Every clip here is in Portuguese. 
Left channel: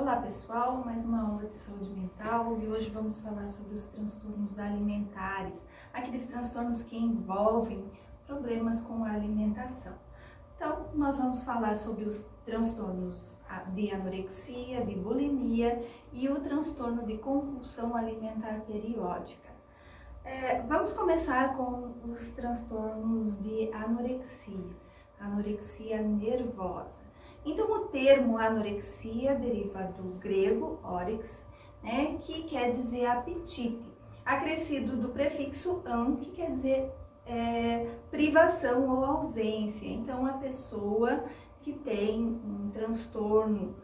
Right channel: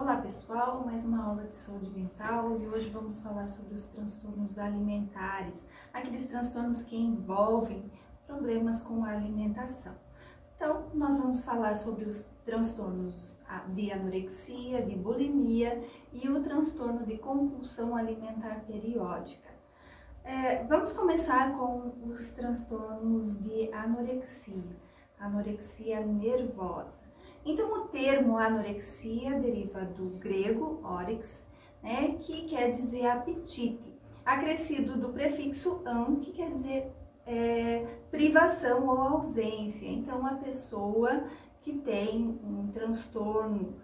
Olá pessoal, mais uma aula de saúde mental e hoje vamos falar sobre os transtornos alimentares, aqueles transtornos que envolvem problemas com a alimentação. Então, nós vamos falar sobre os transtornos de anorexia, de bulimia e o transtorno de compulsão alimentar periódica. Vamos começar com os transtornos de anorexia nervosa. Então, o termo anorexia deriva do grego órix, né, que quer dizer apetite, acrescido do prefixo -an, que quer dizer privação ou ausência. Então, a pessoa que tem um transtorno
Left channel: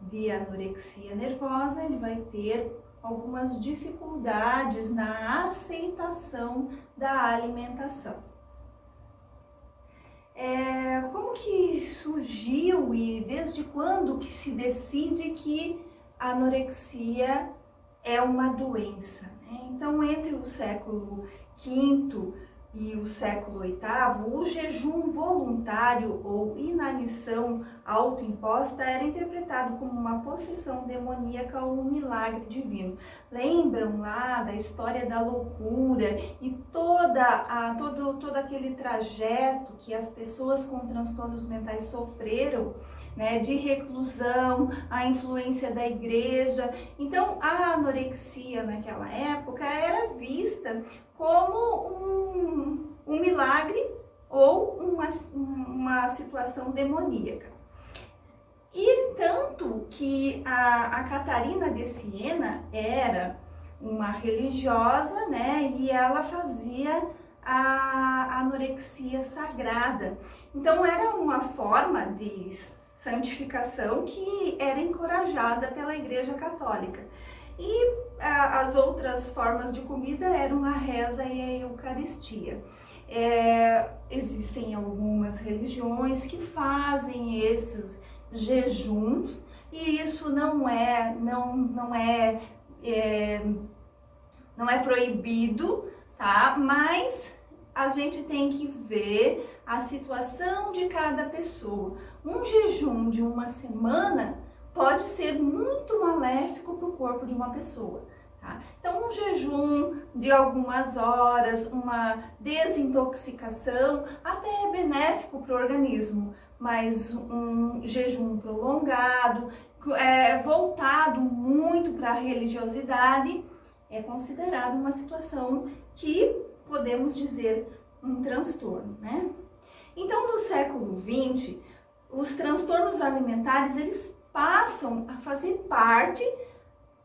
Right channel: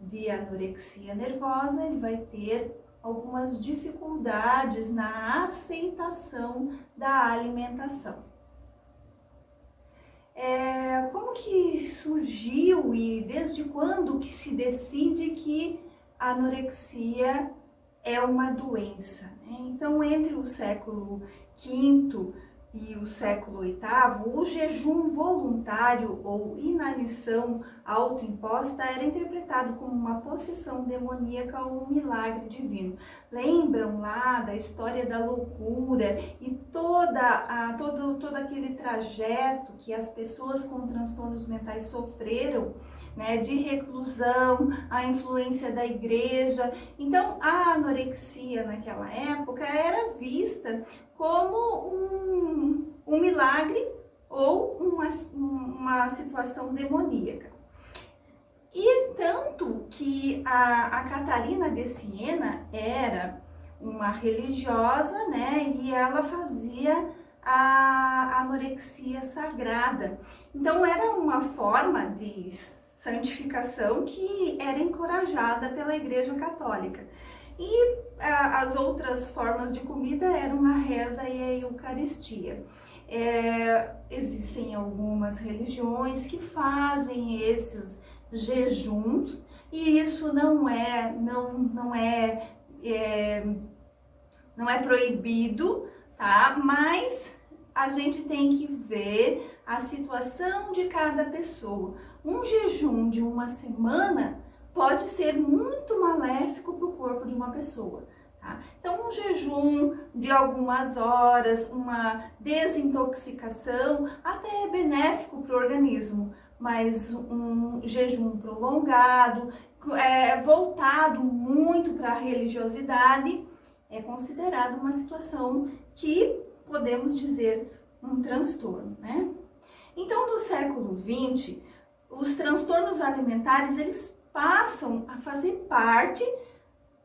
de anorexia nervosa, ele vai ter algumas dificuldades na aceitação da alimentação. Como que surgiu e desde quando que se decide que a anorexia é uma doença, né? Então, entre o século V e o século VIII, o jejum voluntário ou inanição autoimposta era interpretado como uma possessão demoníaca ou um milagre divino. Lembram lá da história da loucura e todo aquele trajeto que as pessoas com transtornos mentais sofreram, né, de reclusão, a influência da igreja. Então, a anorexia naquela época era vista como um milagre ou uma situação demoníaca. E tanto que a Catarina de Siena era uma religiosa, né, e ela fazia a anorexia sagrada. Então, era uma forma de santificação que era encorajada pela Igreja Católica. E as outras formas de comida eram a reza e a Eucaristia. Existem algumas religiões que fazem esses jejuns e isso não é proibido, tá? Mas a gente tem que ver a situação de cada pessoa. Um jejum de uma semana pode ser muito maléfico para o corpo de uma pessoa. Tá? Então, um jejum de algumas horas, uma desintoxicação, até é benéfico para o organismo, mas um jejum prolongado, voltado muito para a religiosidade, é considerado uma situação que podemos dizer um transtorno, né? Então, no século XX, os transtornos alimentares, eles passam a fazer parte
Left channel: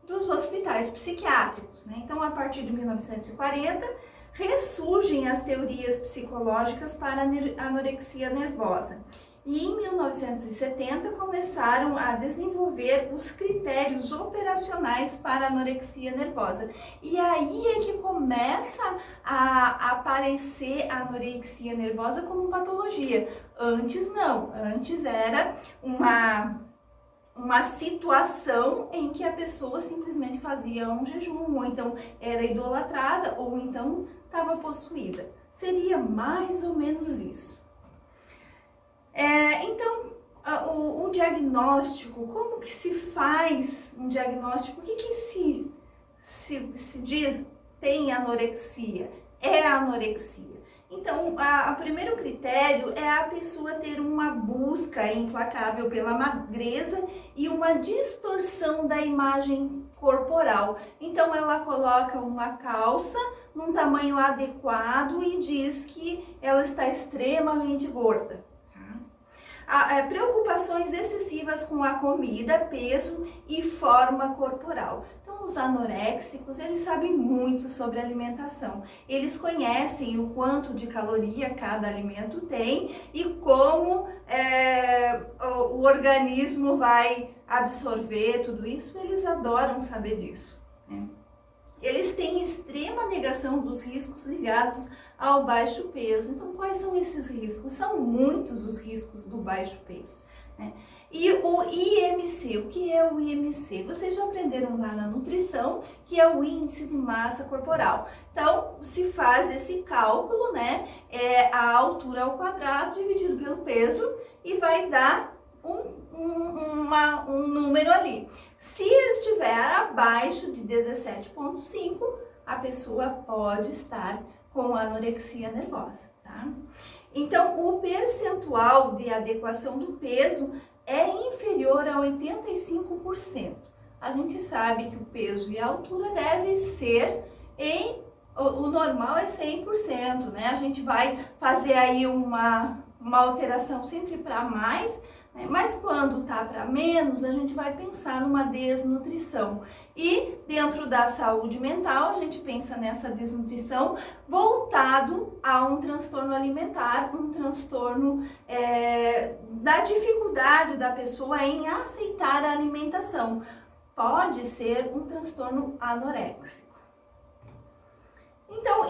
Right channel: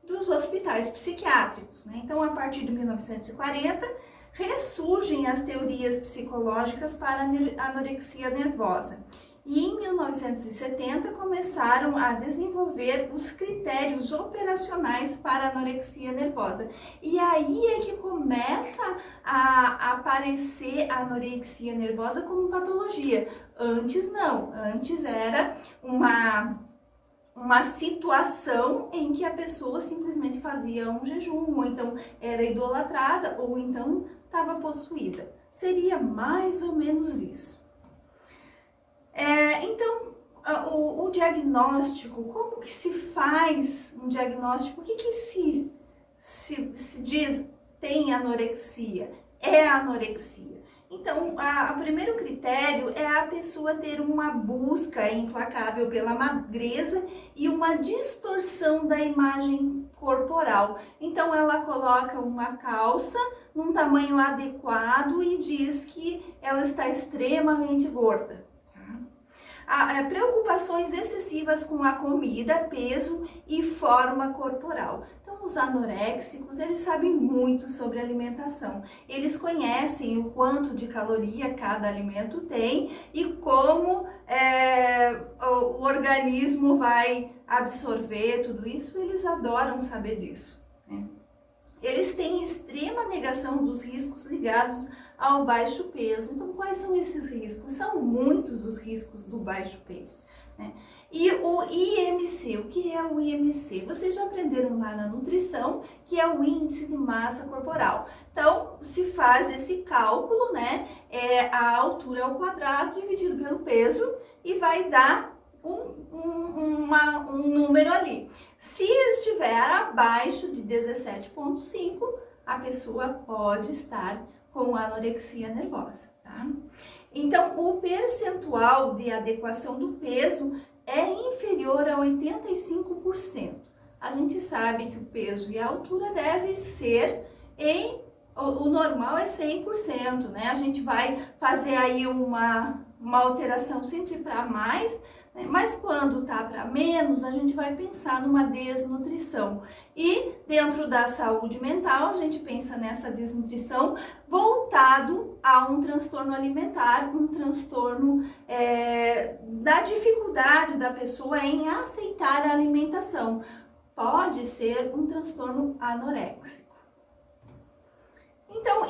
dos hospitais psiquiátricos, né? Então, a partir de 1940, ressurgem as teorias psicológicas para a anorexia nervosa. E em 1970 começaram a desenvolver os critérios operacionais para a anorexia nervosa. E aí é que começa a aparecer a anorexia nervosa como patologia. Antes não, antes era uma situação em que a pessoa simplesmente fazia um jejum, ou então era idolatrada, ou então estava possuída. Seria mais ou menos isso. Então, o diagnóstico, como que se faz um diagnóstico? O que se diz tem anorexia? É anorexia. Então, o primeiro critério é a pessoa ter uma busca implacável pela magreza e uma distorção da imagem corporal. Então, ela coloca uma calça num tamanho adequado e diz que ela está extremamente gorda. Preocupações excessivas com a comida, peso e forma corporal. Então, os anoréxicos, eles sabem muito sobre alimentação. Eles conhecem o quanto de caloria cada alimento tem e como o organismo vai absorver tudo isso. Eles adoram saber disso, né? Eles têm extrema negação dos riscos ligados ao baixo peso. Então, quais são esses riscos? São muitos os riscos do baixo peso, né? E o IMC, o que é o IMC? Vocês já aprenderam lá na nutrição, que é o índice de massa corporal. Então, se faz esse cálculo, né? A altura ao quadrado dividido pelo peso e vai dar um número ali. Se estiver abaixo de 17,5, a pessoa pode estar com anorexia nervosa, tá? Então, o percentual de adequação do peso é inferior a 85%. A gente sabe que o peso e a altura deve ser o normal é 100%, né? A gente vai fazer aí uma alteração sempre para mais, né? Mas quando tá para menos, a gente vai pensar numa desnutrição. E dentro da saúde mental, a gente pensa nessa desnutrição voltado a um transtorno alimentar, um transtorno da dificuldade da pessoa em aceitar a alimentação. Pode ser um transtorno anoréxico. Então,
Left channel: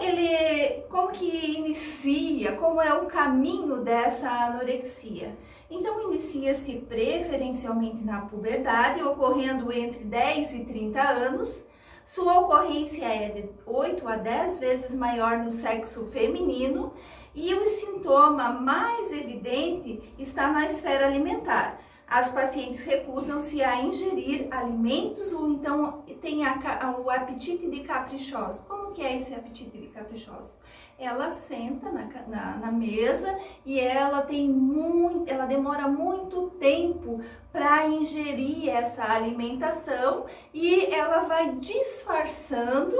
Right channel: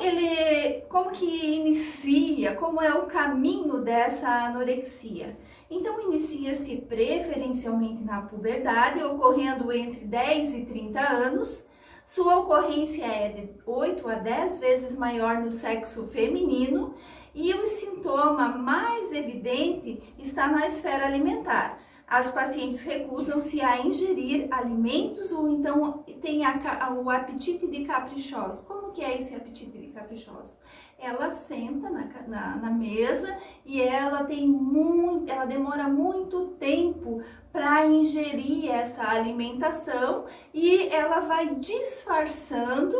como que inicia, como é o caminho dessa anorexia? Então, inicia-se preferencialmente na puberdade, ocorrendo entre 10 e 30 anos. Sua ocorrência é de 8 a 10 vezes maior no sexo feminino e o sintoma mais evidente está na esfera alimentar. As pacientes recusam-se a ingerir alimentos ou então tem o apetite de caprichosos. Como que é esse apetite de caprichosos? Ela senta na mesa e ela demora muito tempo para ingerir essa alimentação e ela vai disfarçando.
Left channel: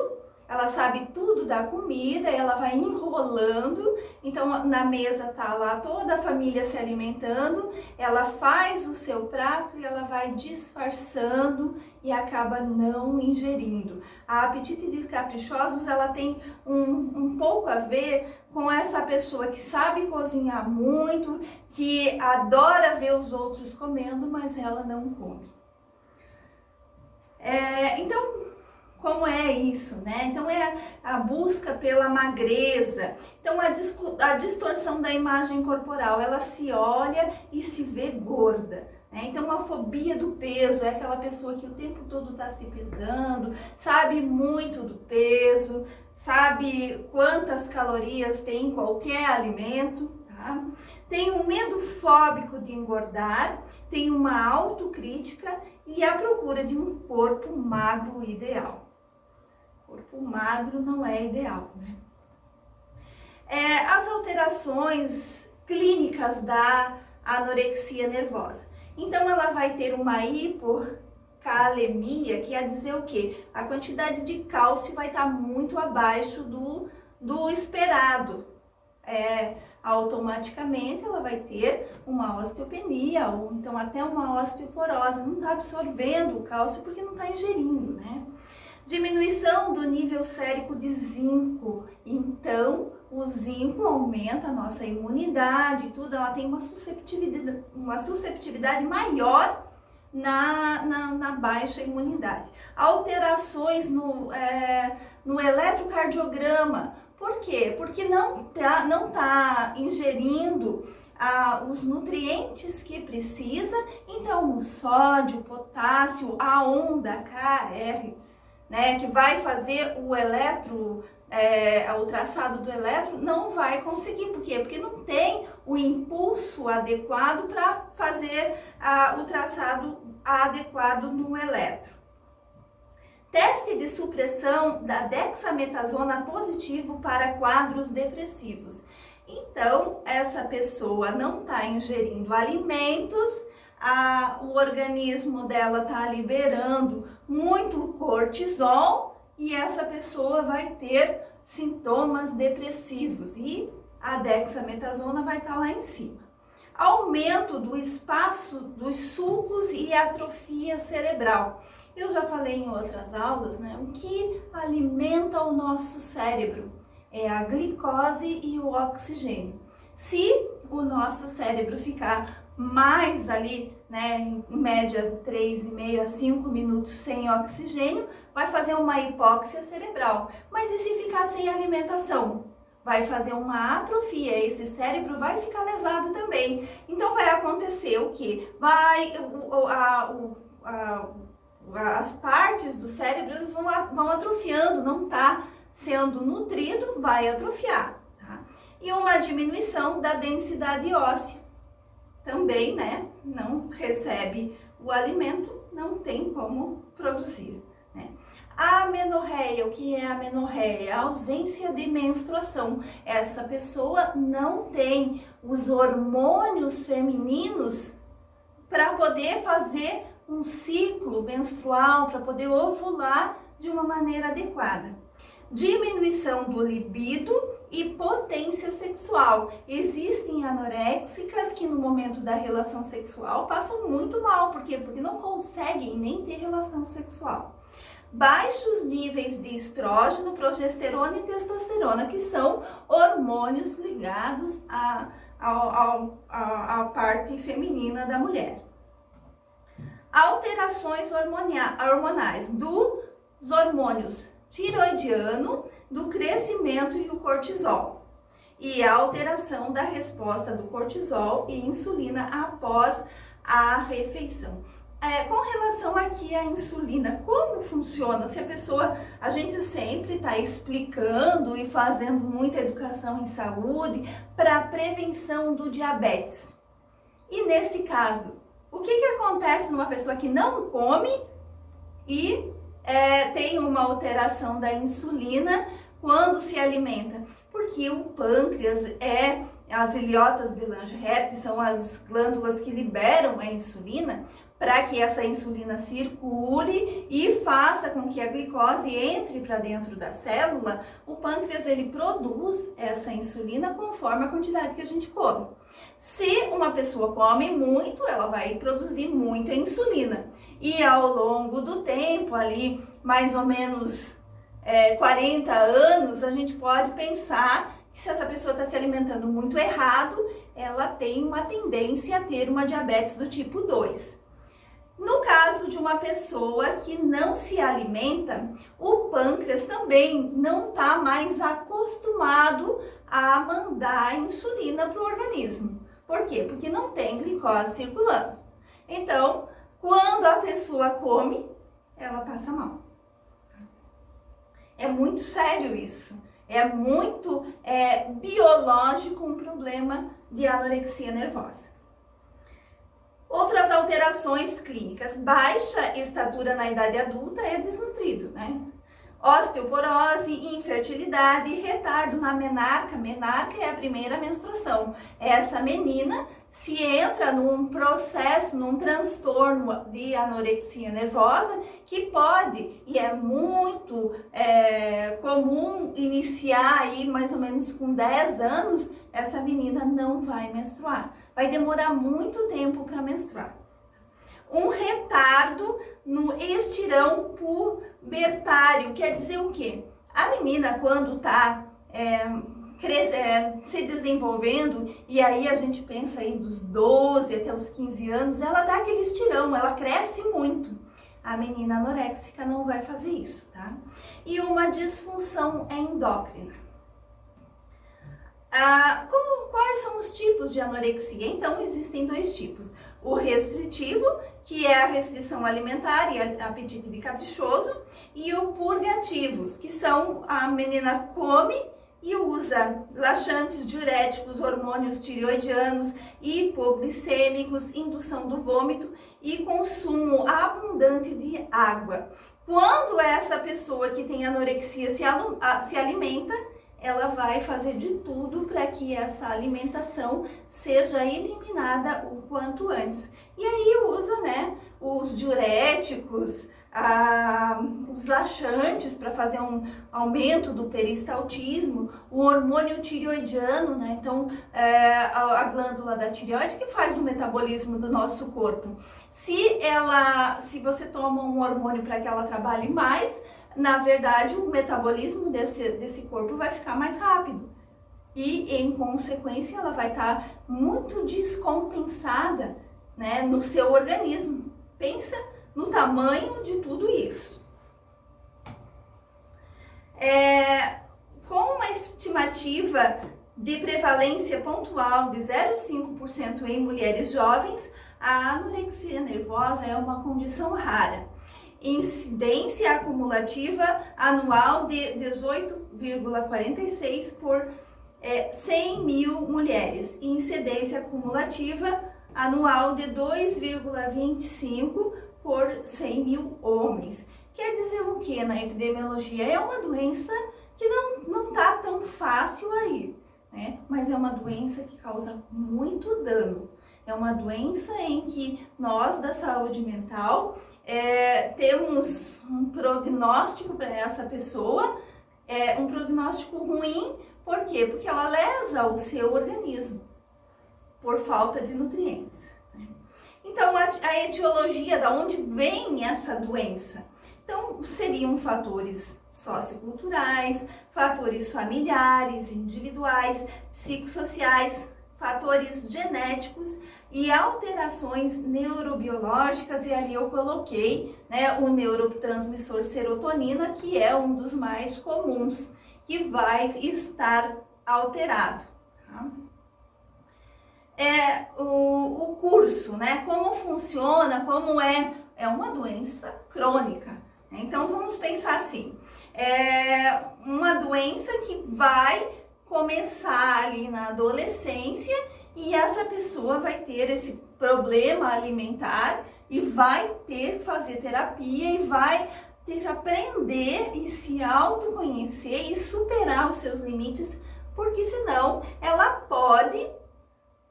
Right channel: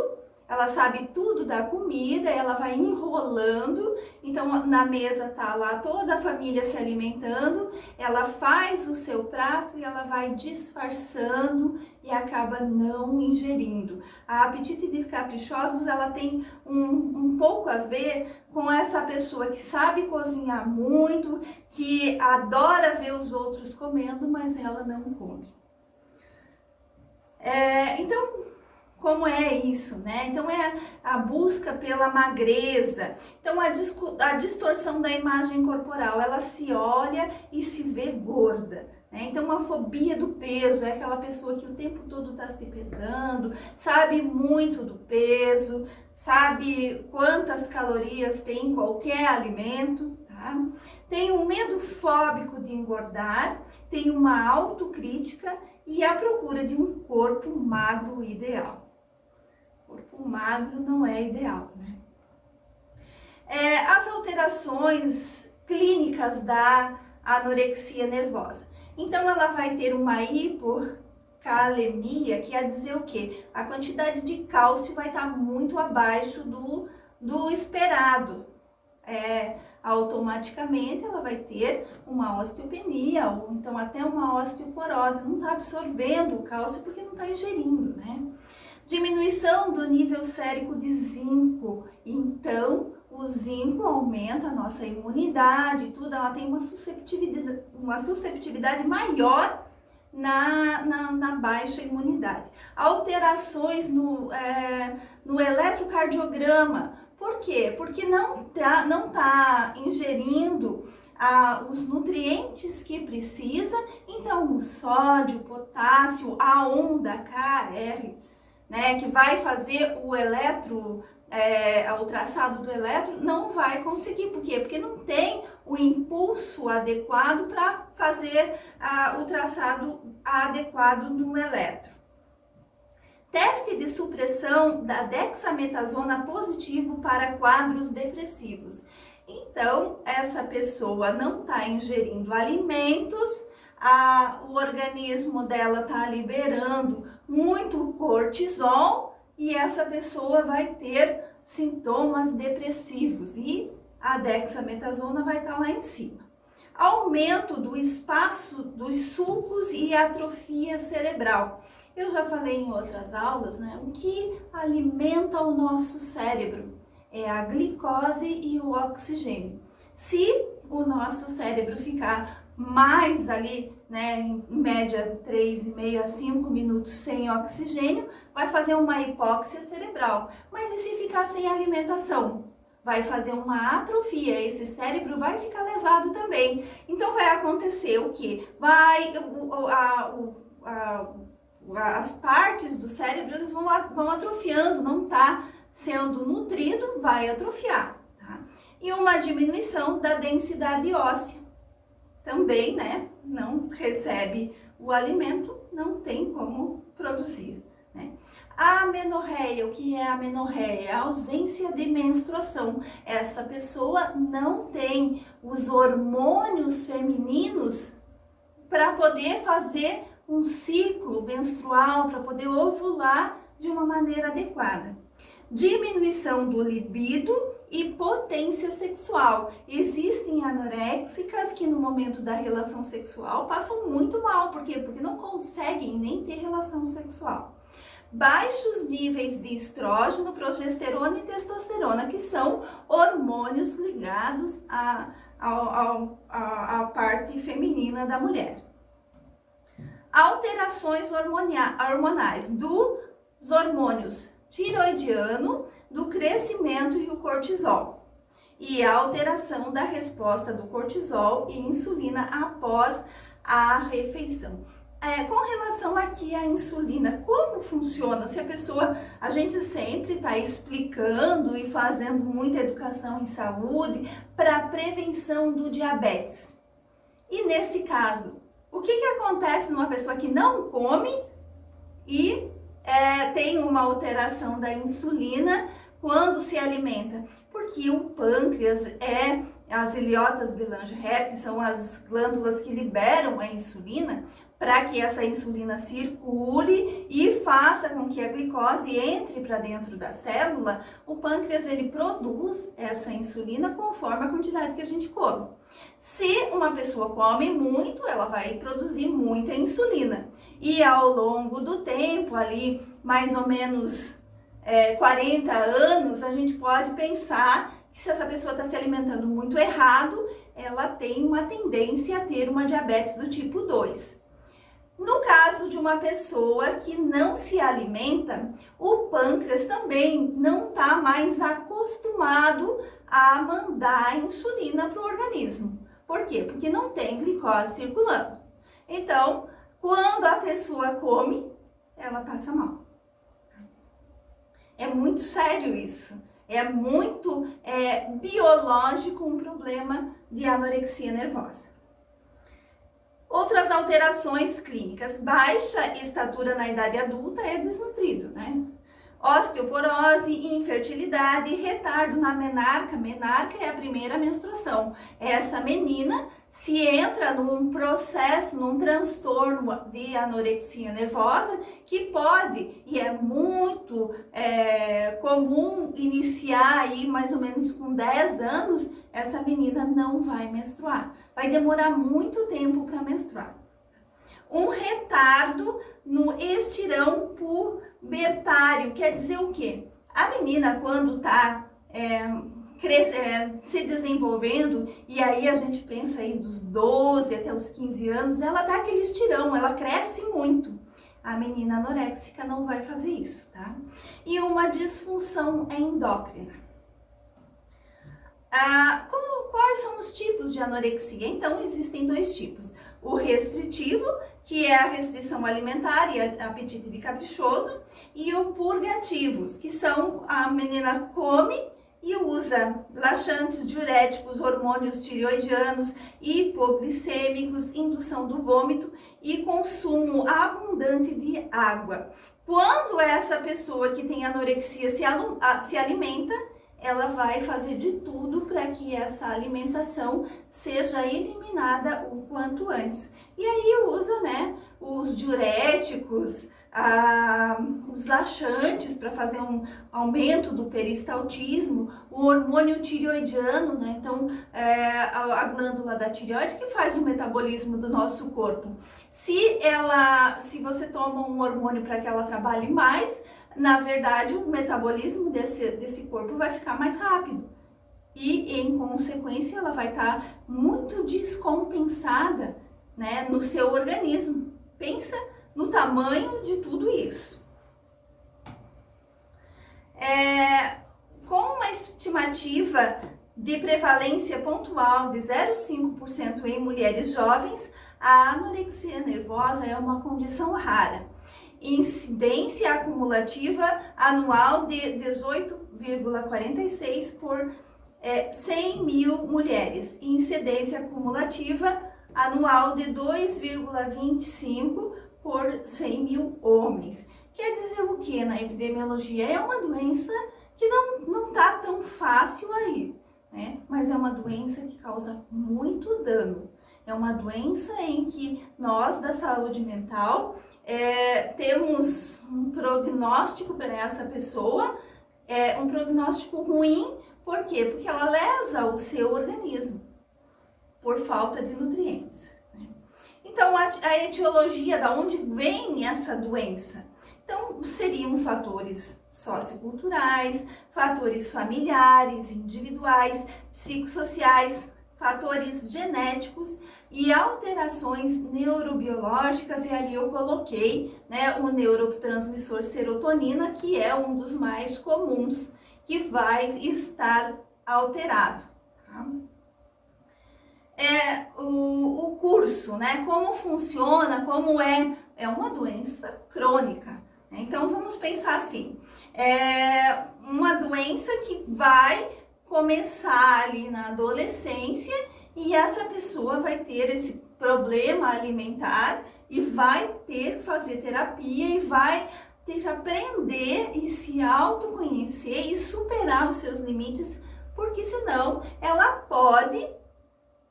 Ela sabe tudo da comida, ela vai enrolando, então na mesa tá lá toda a família se alimentando, ela faz o seu prato e ela vai disfarçando e acaba não ingerindo. A apetite de caprichosos, ela tem um pouco a ver com essa pessoa que sabe cozinhar muito, que adora ver os outros comendo, mas ela não come. Então, como é isso, né? Então é a busca pela magreza, então a distorção da imagem corporal, ela se olha e se vê gorda, né? Então a fobia do peso é aquela pessoa que o tempo todo está se pesando, sabe muito do peso, sabe quantas calorias tem em qualquer alimento, tá? Tem um medo fóbico de engordar, tem uma autocrítica e a procura de um corpo magro ideal. Corpo magro não é ideal, né? As alterações clínicas da anorexia nervosa. Então, ela vai ter uma hipocalemia, que quer dizer o quê? A quantidade de cálcio vai estar muito abaixo do esperado. Automaticamente, ela vai ter uma osteopenia ou então até uma osteoporose. Não está absorvendo o cálcio porque não está ingerindo, né? Diminuição do nível sérico de zinco. Então, o zinco aumenta a nossa imunidade, tudo. Ela tem uma susceptibilidade maior na baixa imunidade. Alterações no eletrocardiograma. Por quê? Porque não tá ingerindo os nutrientes que precisa. Então, o sódio, o potássio, a onda Kr, né, que vai fazer o traçado do eletro, não vai conseguir. Por quê? Porque não tem o impulso adequado para fazer o traçado adequado no eletro. Teste de supressão da dexametasona positivo para quadros depressivos. Então, essa pessoa não está ingerindo alimentos, o organismo dela está liberando muito cortisol e essa pessoa vai ter sintomas depressivos e a dexametasona vai estar lá em cima. Aumento do espaço dos sulcos e atrofia cerebral. Eu já falei em outras aulas, né? O que alimenta o nosso cérebro é a glicose e o oxigênio. Se o nosso cérebro ficar mais ali, né, em média 3,5 a 5 minutos sem oxigênio, vai fazer uma hipóxia cerebral. Mas e se ficar sem alimentação? Vai fazer uma atrofia, esse cérebro vai ficar lesado também. Então vai acontecer o quê? As partes do cérebro eles vão atrofiando, não está sendo nutrido, vai atrofiar. Tá? E uma diminuição da densidade óssea. Também, né, não recebe o alimento, não tem como produzir, né? A amenorreia, o que é a amenorreia? A ausência de menstruação. Essa pessoa não tem os hormônios femininos para poder fazer um ciclo menstrual, para poder ovular de uma maneira adequada. Diminuição do libido e potência sexual. Existem anoréxicas que no momento da relação sexual passam muito mal. Por quê? Porque não conseguem nem ter relação sexual. Baixos níveis de estrógeno, progesterona e testosterona, que são hormônios ligados à parte feminina da mulher. Alterações hormonais dos hormônios tiroidiano, do crescimento e o cortisol. E a alteração da resposta do cortisol e insulina após a refeição. Com relação aqui à insulina, como funciona? Se a gente sempre está explicando e fazendo muita educação em saúde para a prevenção do diabetes. E nesse caso, o que acontece numa pessoa que não come e tem uma alteração da insulina quando se alimenta? Porque o pâncreas as ilhotas de Langerhans, que são as glândulas que liberam a insulina, para que essa insulina circule e faça com que a glicose entre para dentro da célula. O pâncreas ele produz essa insulina conforme a quantidade que a gente come. Se uma pessoa come muito, ela vai produzir muita insulina. E ao longo do tempo, ali mais ou menos 40 anos, a gente pode pensar que se essa pessoa está se alimentando muito errado, ela tem uma tendência a ter uma diabetes do tipo 2. No caso de uma pessoa que não se alimenta, o pâncreas também não está mais acostumado a mandar insulina para o organismo. Por quê? Porque não tem glicose circulando. Então, quando a pessoa come, ela passa mal. É muito sério isso. É muito biológico um problema de anorexia nervosa. Outras alterações clínicas. Baixa estatura na idade adulta é desnutrido, né? Osteoporose, infertilidade, retardo na menarca. Menarca é a primeira menstruação. Essa menina se entra num processo, num transtorno de anorexia nervosa que pode, e é muito comum iniciar aí mais ou menos com 10 anos, essa menina não vai menstruar. Vai demorar muito tempo para menstruar. Um retardo no estirão pubertário, quer dizer o quê? A menina quando está se desenvolvendo, e aí a gente pensa aí dos 12 até os 15 anos, ela dá aquele estirão, ela cresce muito. A menina anoréxica não vai fazer isso, tá? E uma disfunção endócrina. Quais são os tipos de anorexia? Então, existem dois tipos. O restritivo, que é a restrição alimentar e apetite de caprichoso, e o purgativos, que são a menina come e usa laxantes, diuréticos, hormônios tireoidianos, hipoglicêmicos, indução do vômito e consumo abundante de água. Quando essa pessoa que tem anorexia se alimenta, ela vai fazer de tudo para que essa alimentação seja eliminada o quanto antes. E aí usa, né, os diuréticos, os laxantes para fazer um aumento do peristaltismo, o hormônio tireoidiano, né? Então, a glândula da tireoide que faz o metabolismo do nosso corpo. Se você toma um hormônio para que ela trabalhe mais, na verdade, o metabolismo desse corpo vai ficar mais rápido. E, em consequência, ela vai estar muito descompensada, né, no seu organismo. Pensa no tamanho de tudo isso. Com uma estimativa de prevalência pontual de 0,5% em mulheres jovens, a anorexia nervosa é uma condição rara. Incidência acumulativa anual de 18,46 por 100 mil mulheres. Incidência acumulativa anual de 2,25 por 100 mil homens. Quer dizer o que na epidemiologia? É uma doença que não tá tão fácil aí, né? Mas é uma doença que causa muito dano. É uma doença em que nós da saúde mental temos um prognóstico para essa pessoa, um prognóstico ruim. Por quê? Porque ela lesa o seu organismo por falta de nutrientes, né? Então, a etiologia, da onde vem essa doença? Então, seriam fatores socioculturais, fatores familiares, individuais, psicossociais, fatores genéticos e alterações neurobiológicas, e ali eu coloquei, né, o neurotransmissor serotonina, que é um dos mais comuns, que vai estar alterado. Tá? O curso, né, como funciona, como é uma doença crônica. Né? Então, vamos pensar assim, uma doença que vai começar ali na adolescência e essa pessoa vai ter esse problema alimentar e vai ter que fazer terapia e vai ter que aprender e se autoconhecer e superar os seus limites, porque senão ela pode,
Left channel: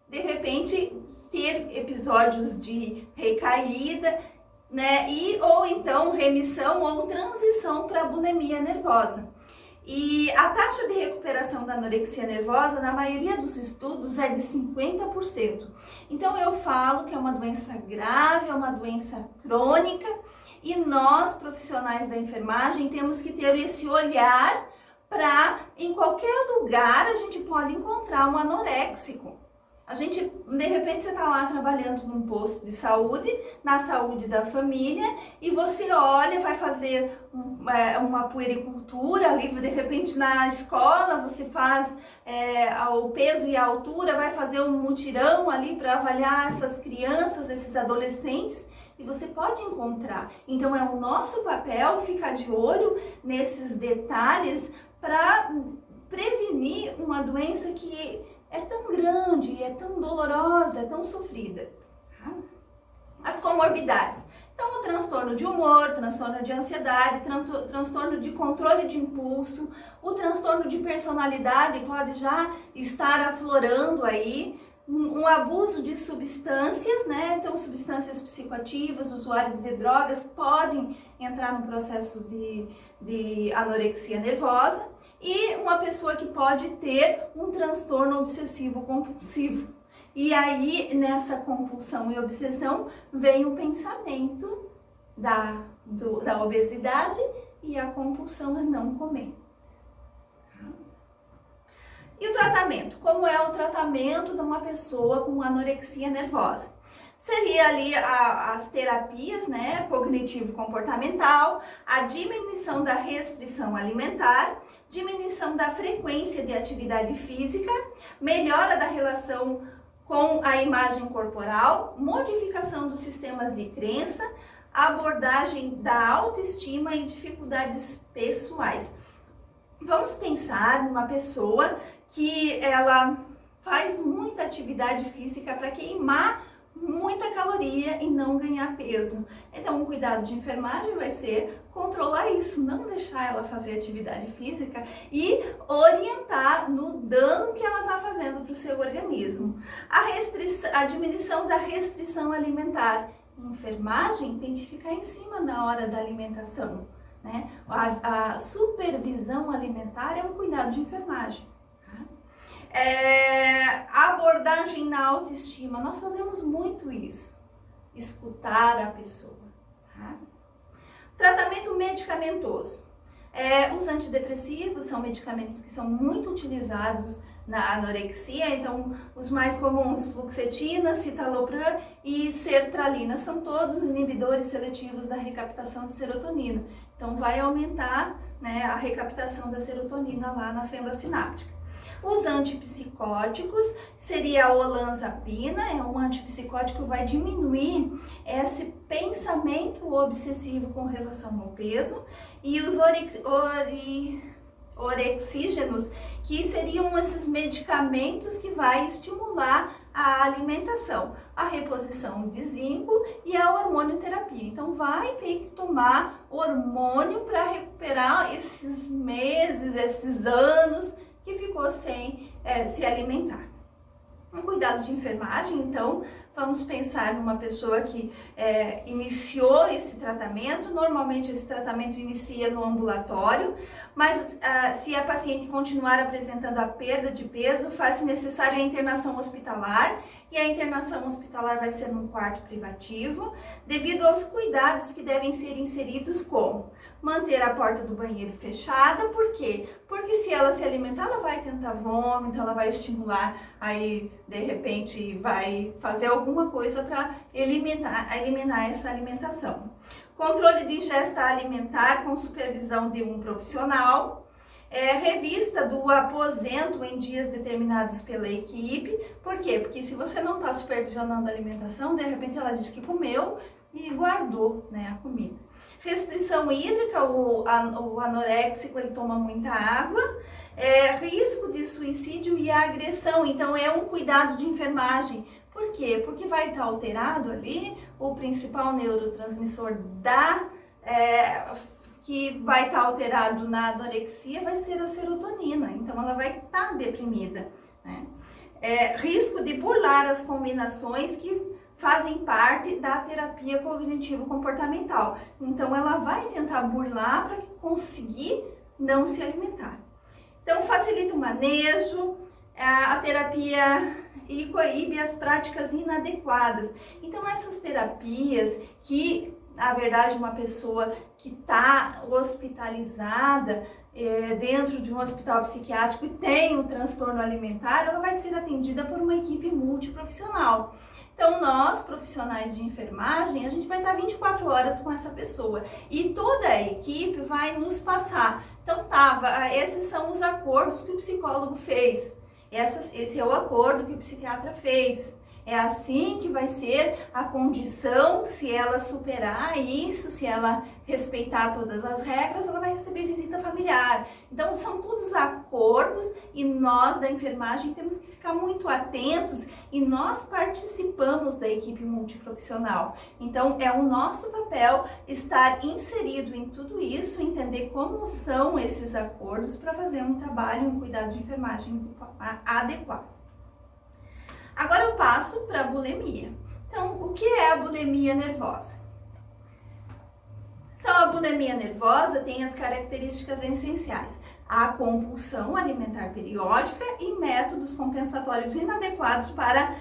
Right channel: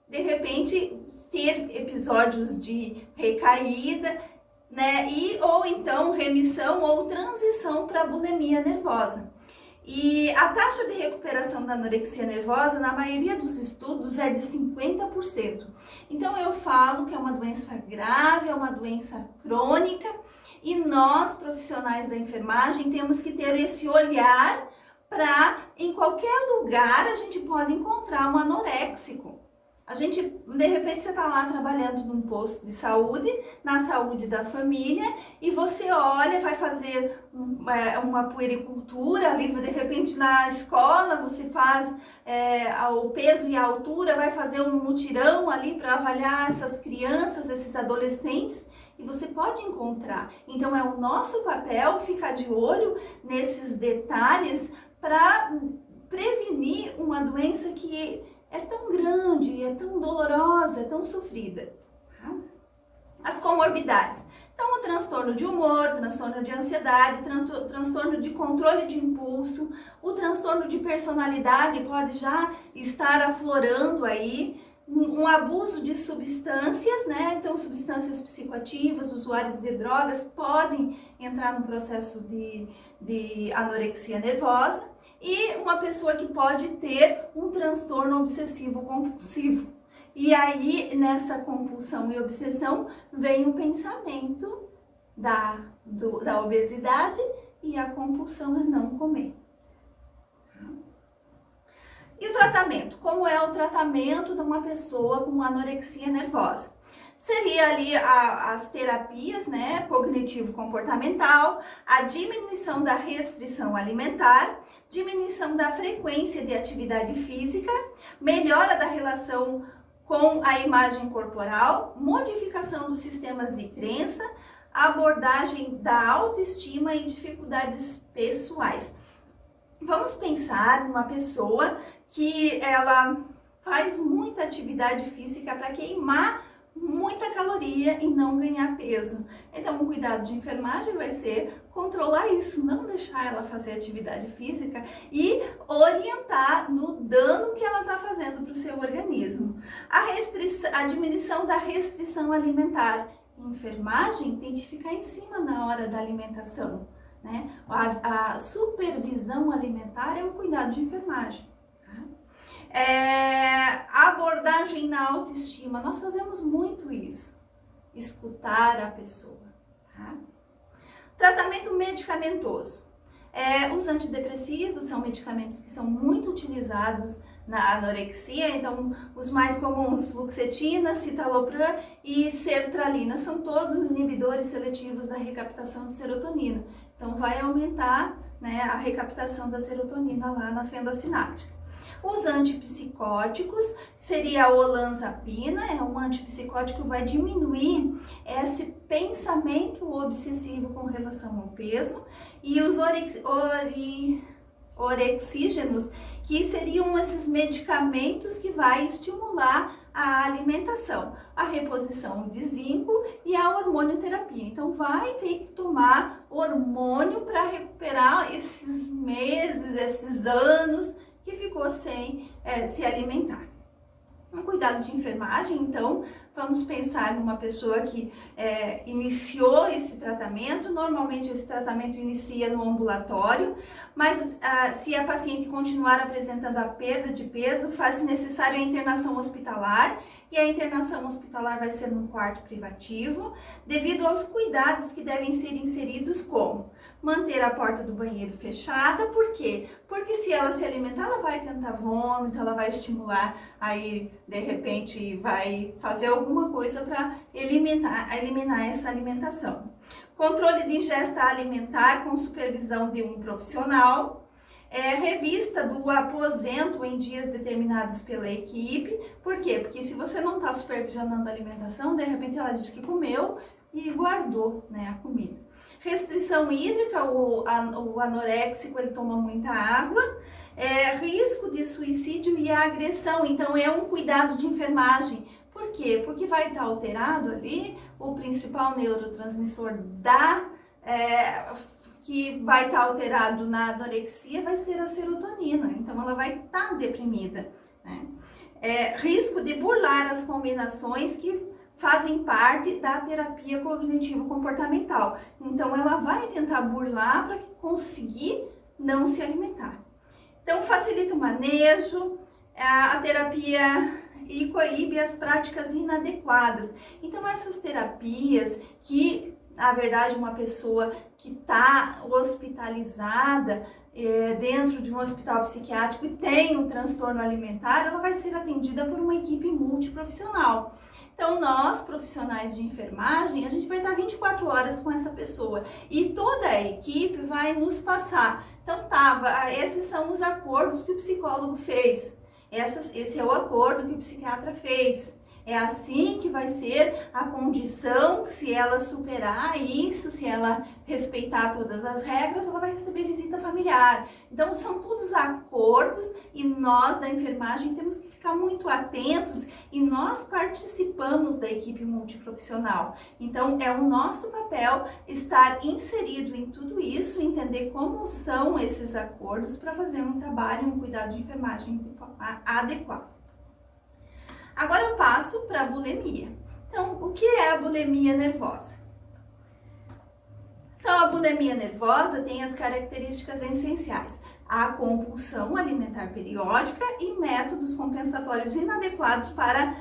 de repente, ter episódios de recaída, né? Ou então remissão ou transição para a bulimia nervosa. E a taxa de recuperação da anorexia nervosa, na maioria dos estudos, é de 50%. Então, eu falo que é uma doença grave, é uma doença crônica, e nós, profissionais da enfermagem, temos que ter esse olhar para, em qualquer lugar, a gente pode encontrar um anoréxico. A gente, de repente, você está lá trabalhando num posto de saúde, na saúde da família, e você olha, vai fazer uma puericultura ali, de repente na escola você faz o peso e a altura, vai fazer um mutirão ali para avaliar essas crianças, esses adolescentes, e você pode encontrar. Então é o nosso papel ficar de olho nesses detalhes para prevenir uma doença que é tão grande, é tão dolorosa, é tão sofrida. Tá? As comorbidades. Então, o transtorno de humor, transtorno de ansiedade, transtorno de controle de impulso, o transtorno de personalidade pode já estar aflorando aí, um abuso de substâncias, né? Então, substâncias psicoativas, usuários de drogas podem entrar no processo de anorexia nervosa. E uma pessoa que pode ter um transtorno obsessivo compulsivo. E aí, nessa compulsão e obsessão, vem o pensamento da obesidade e a compulsão a não comer. E o tratamento? Como é o tratamento de uma pessoa com anorexia nervosa? Seria ali as terapias, né, cognitivo-comportamental, a diminuição da restrição alimentar, diminuição da frequência de atividade física, melhora da relação com a imagem corporal, modificação dos sistemas de crença, abordagem da autoestima e dificuldades pessoais. Vamos pensar numa pessoa que ela faz muita atividade física para queimar muita caloria e não ganhar peso. Então, o cuidado de enfermagem vai ser controlar isso, não deixar ela fazer atividade física e orientar no dano que ela está fazendo para o seu organismo. A diminuição da restrição alimentar. Enfermagem tem que ficar em cima na hora da alimentação, né? A supervisão alimentar é um cuidado de enfermagem. A abordagem na autoestima, nós fazemos muito isso, escutar a pessoa. Tá? Tratamento medicamentoso. Os antidepressivos são medicamentos que são muito utilizados na anorexia, então os mais comuns, fluoxetina, citalopram e sertralina, são todos inibidores seletivos da recaptação de serotonina. Então vai aumentar, né, a recaptação da serotonina lá na fenda sináptica. Os antipsicóticos seria a olanzapina, é um antipsicótico que vai diminuir esse pensamento obsessivo com relação ao peso, e os orexígenos, que seriam esses medicamentos que vai estimular a alimentação, a reposição de zinco e a hormonioterapia. Então vai ter que tomar hormônio para recuperar esses meses, esses anos que ficou sem se alimentar. Um cuidado de enfermagem, então, vamos pensar numa pessoa que iniciou esse tratamento. Normalmente esse tratamento inicia no ambulatório, mas se a paciente continuar apresentando a perda de peso, faz-se necessário a internação hospitalar, e a internação hospitalar vai ser num quarto privativo, devido aos cuidados que devem ser inseridos, como manter a porta do banheiro fechada. Por quê? Porque se ela se alimentar, ela vai tentar vômito, ela vai estimular, aí de repente vai fazer alguma coisa para eliminar essa alimentação. Controle de ingesta alimentar com supervisão de um profissional. Revista do aposento em dias determinados pela equipe. Por quê? Porque se você não está supervisionando a alimentação, de repente ela diz que comeu e guardou, né, a comida. Restrição hídrica, o anoréxico ele toma muita água. Risco de suicídio e agressão, então é um cuidado de enfermagem. Por quê? Porque vai estar alterado ali o principal neurotransmissor que vai estar alterado na anorexia, vai ser a serotonina, então ela vai estar deprimida, né? Risco de burlar as combinações que fazem parte da terapia cognitivo-comportamental, então ela vai tentar burlar para conseguir não se alimentar. Então facilita o manejo, a terapia e coíbe as práticas inadequadas. Então essas terapias que, na verdade, uma pessoa que está hospitalizada dentro de um hospital psiquiátrico e tem um transtorno alimentar, ela vai ser atendida por uma equipe multiprofissional. Então, nós, profissionais de enfermagem, a gente vai estar 24 horas com essa pessoa e toda a equipe vai nos passar. Então, esses são os acordos que o psicólogo fez. Esse é o acordo que o psiquiatra fez. É assim que vai ser a condição. Se ela superar isso, se ela respeitar todas as regras, ela vai receber visita familiar. Então, são todos acordos e nós da enfermagem temos que ficar muito atentos e nós participamos da equipe multiprofissional. Então, é o nosso papel estar inserido em tudo isso, entender como são esses acordos para fazer um trabalho, um cuidado de enfermagem de forma adequada. Agora eu passo para a bulimia. Então, o que é a bulimia nervosa? Então, a bulimia nervosa tem as características essenciais: a compulsão alimentar periódica e métodos compensatórios inadequados para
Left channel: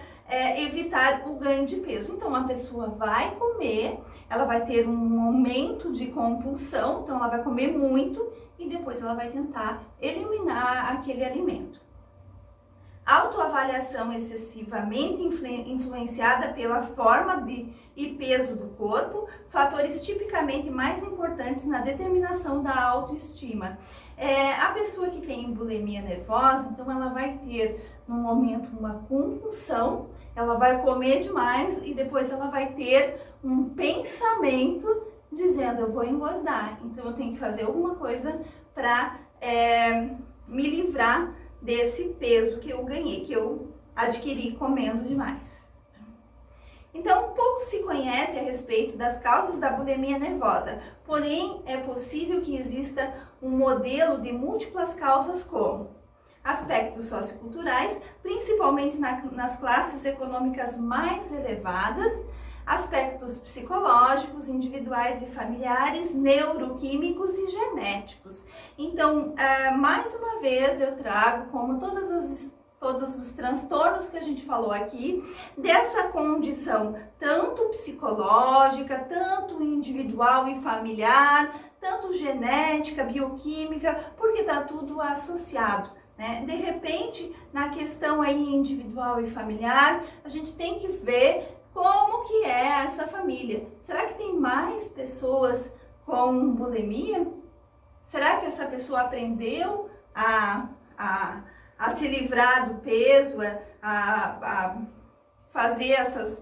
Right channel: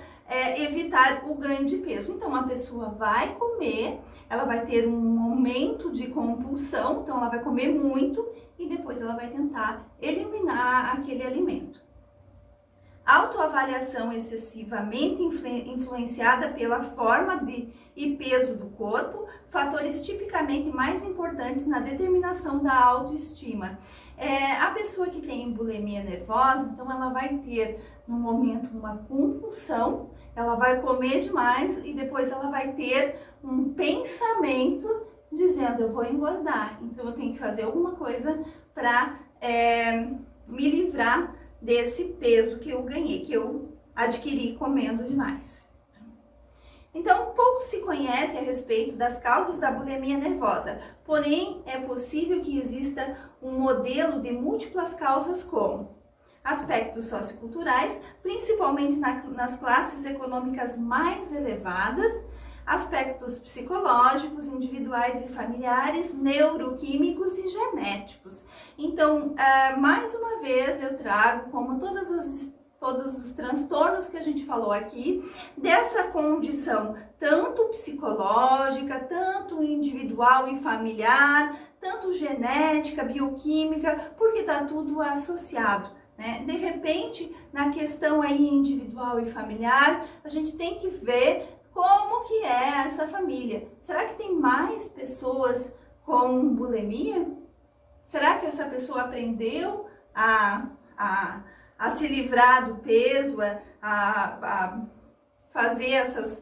evitar o ganho de peso. Então, a pessoa vai comer, ela vai ter um momento de compulsão, então ela vai comer muito e depois ela vai tentar eliminar aquele alimento. Autoavaliação excessivamente influenciada pela forma e peso do corpo, fatores tipicamente mais importantes na determinação da autoestima. A pessoa que tem bulimia nervosa, então ela vai ter no momento uma compulsão, ela vai comer demais e depois ela vai ter um pensamento dizendo: eu vou engordar, então eu tenho que fazer alguma coisa para me livrar desse peso que eu ganhei, que eu adquiri comendo demais. Então, pouco se conhece a respeito das causas da bulimia nervosa, porém é possível que exista um modelo de múltiplas causas, como aspectos socioculturais, principalmente nas classes econômicas mais elevadas, aspectos psicológicos, individuais e familiares, neuroquímicos e genéticos. Então, mais uma vez eu trago, como todos os transtornos que a gente falou aqui, dessa condição tanto psicológica, tanto individual e familiar, tanto genética, bioquímica, porque está tudo associado, né? De repente, na questão aí individual e familiar, a gente tem que ver como que é essa família. Será que tem mais pessoas com bulimia? Será que essa pessoa aprendeu a se livrar do peso, a fazer essas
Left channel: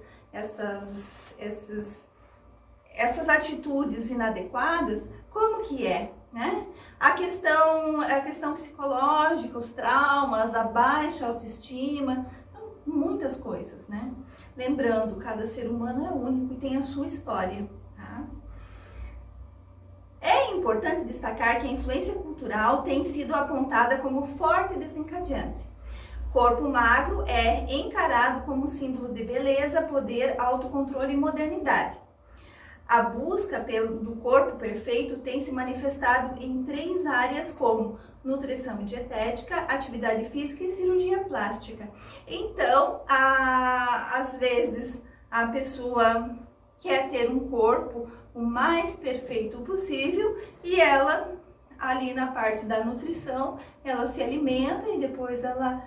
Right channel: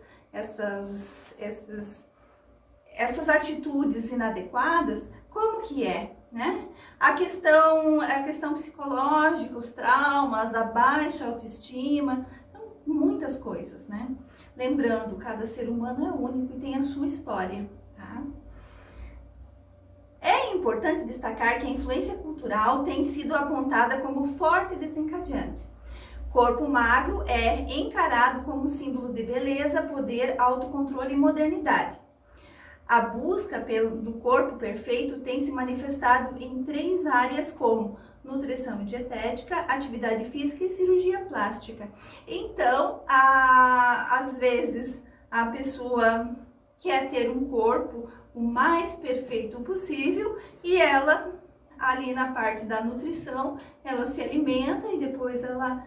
atitudes inadequadas? Como que é, né? A questão psicológica, os traumas, a baixa autoestima. Então, muitas coisas, né? Lembrando, cada ser humano é único e tem a sua história, tá? É importante destacar que a influência cultural tem sido apontada como forte desencadeante. Corpo magro é encarado como símbolo de beleza, poder, autocontrole e modernidade. A busca do corpo perfeito tem se manifestado em 3 áreas como nutrição e dietética, atividade física e cirurgia plástica. Então, às vezes, a pessoa quer ter um corpo o mais perfeito possível e ela, ali na parte da nutrição, ela se alimenta e depois ela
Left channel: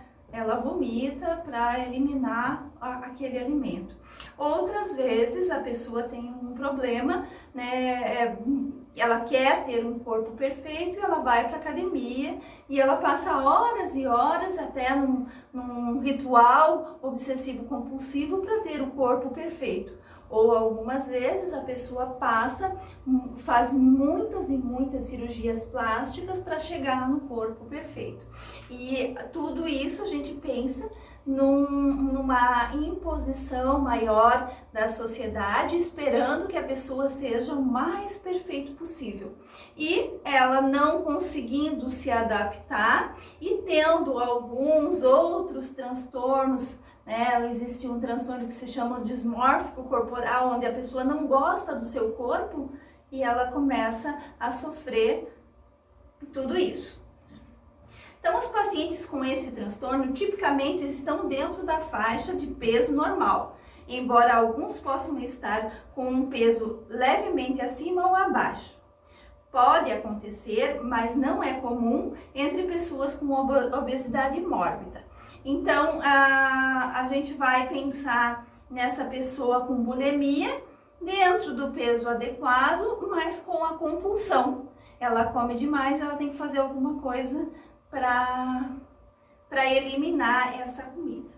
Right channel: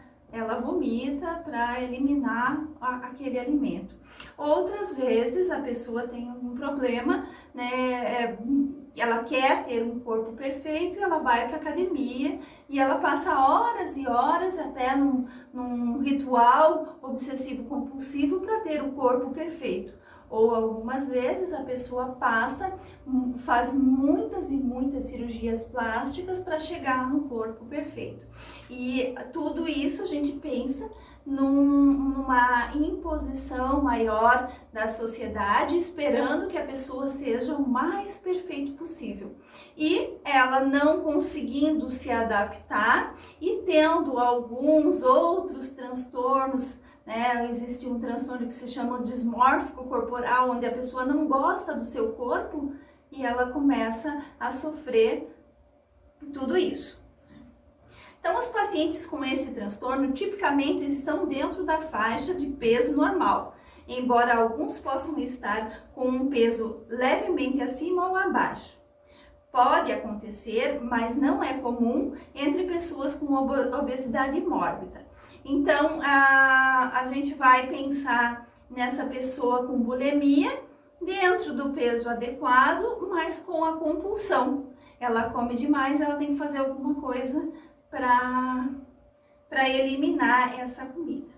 vomita para eliminar aquele alimento. Outras vezes a pessoa tem um problema, né? Ela quer ter um corpo perfeito, ela vai para academia e ela passa horas e horas até num ritual obsessivo compulsivo para ter o corpo perfeito. Ou algumas vezes a pessoa faz muitas e muitas cirurgias plásticas para chegar no corpo perfeito. E tudo isso a gente pensa numa imposição maior da sociedade, esperando que a pessoa seja o mais perfeito possível. E ela não conseguindo se adaptar e tendo alguns outros transtornos, né? Existe um transtorno que se chama dismórfico corporal, onde a pessoa não gosta do seu corpo e ela começa a sofrer tudo isso. Então, os pacientes com esse transtorno tipicamente estão dentro da faixa de peso normal, embora alguns possam estar com um peso levemente acima ou abaixo. Pode acontecer, mas não é comum entre pessoas com obesidade mórbida. Então, a gente vai pensar nessa pessoa com bulimia, dentro do peso adequado, mas com a compulsão. Ela come demais, ela tem que fazer alguma coisa para eliminar essa comida.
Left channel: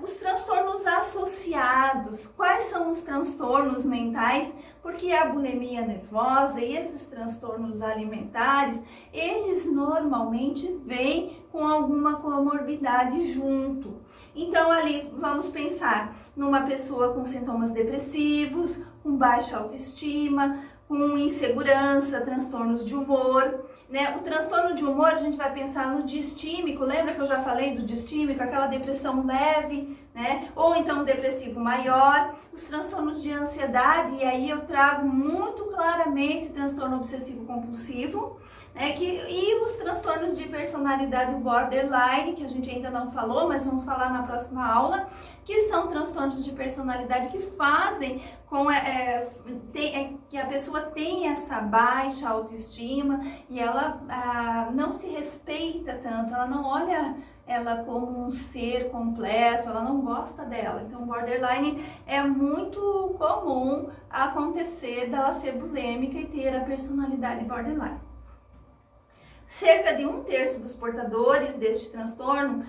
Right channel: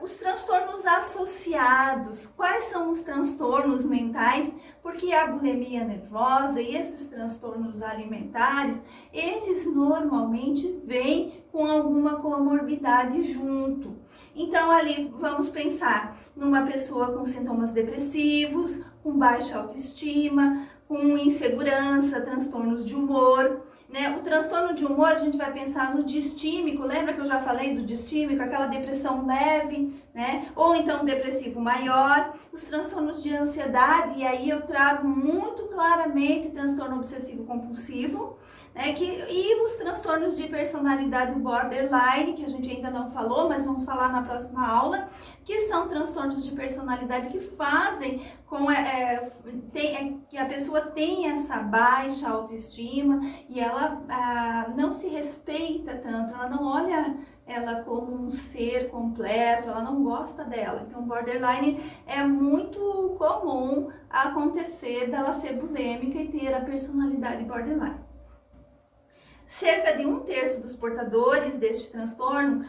Os transtornos associados. Quais são os transtornos mentais? Porque a bulimia nervosa e esses transtornos alimentares, eles normalmente vêm com alguma comorbidade junto. Então, ali vamos pensar numa pessoa com sintomas depressivos, com baixa autoestima, com insegurança, transtornos de humor, né? O transtorno de humor, a gente vai pensar no distímico, lembra que eu já falei do distímico, aquela depressão leve, né? Ou então depressivo maior, os transtornos de ansiedade, e aí eu trago muito claramente transtorno obsessivo compulsivo, né? E os transtornos de personalidade borderline, que a gente ainda não falou, mas vamos falar na próxima aula, que são transtornos de personalidade que fazem que a pessoa tenha essa baixa autoestima e ela não se respeita tanto, ela não olha ela como um ser completo, ela não gosta dela. Então, borderline é muito comum acontecer dela ser bulêmica e ter a personalidade borderline. Cerca de 1/3 dos portadores deste transtorno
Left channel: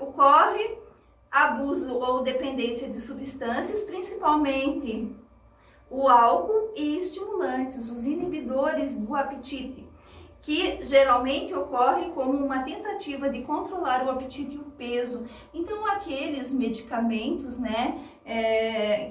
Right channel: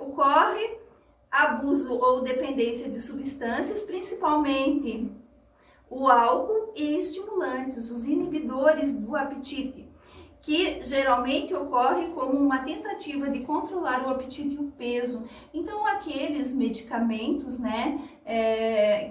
ocorre abuso ou dependência de substâncias, principalmente o álcool e estimulantes, os inibidores do apetite, que geralmente ocorre como uma tentativa de controlar o apetite e o peso. Então, aqueles medicamentos, né,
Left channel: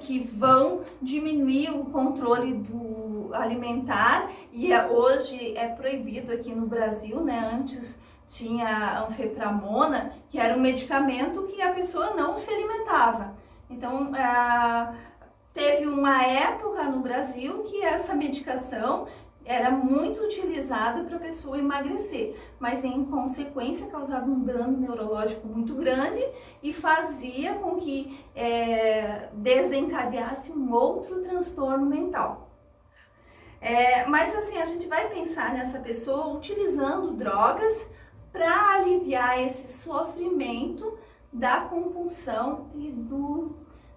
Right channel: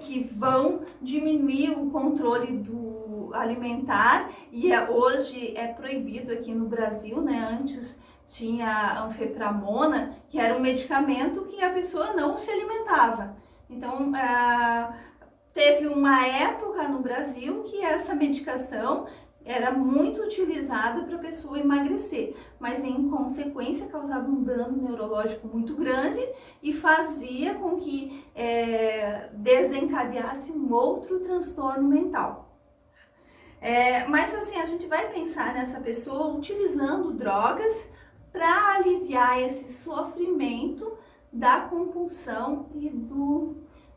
que vão diminuir o controle do alimentar, e hoje é proibido aqui no Brasil, né, antes tinha a anfepramona, que era um medicamento que a pessoa não se alimentava. Então, teve uma época no Brasil que essa medicação era muito utilizada para a pessoa emagrecer, mas em consequência causava um dano neurológico muito grande e fazia com que desencadeasse um outro transtorno mental. Mas assim, a gente vai pensar nessa pessoa utilizando drogas para aliviar esse sofrimento da compulsão e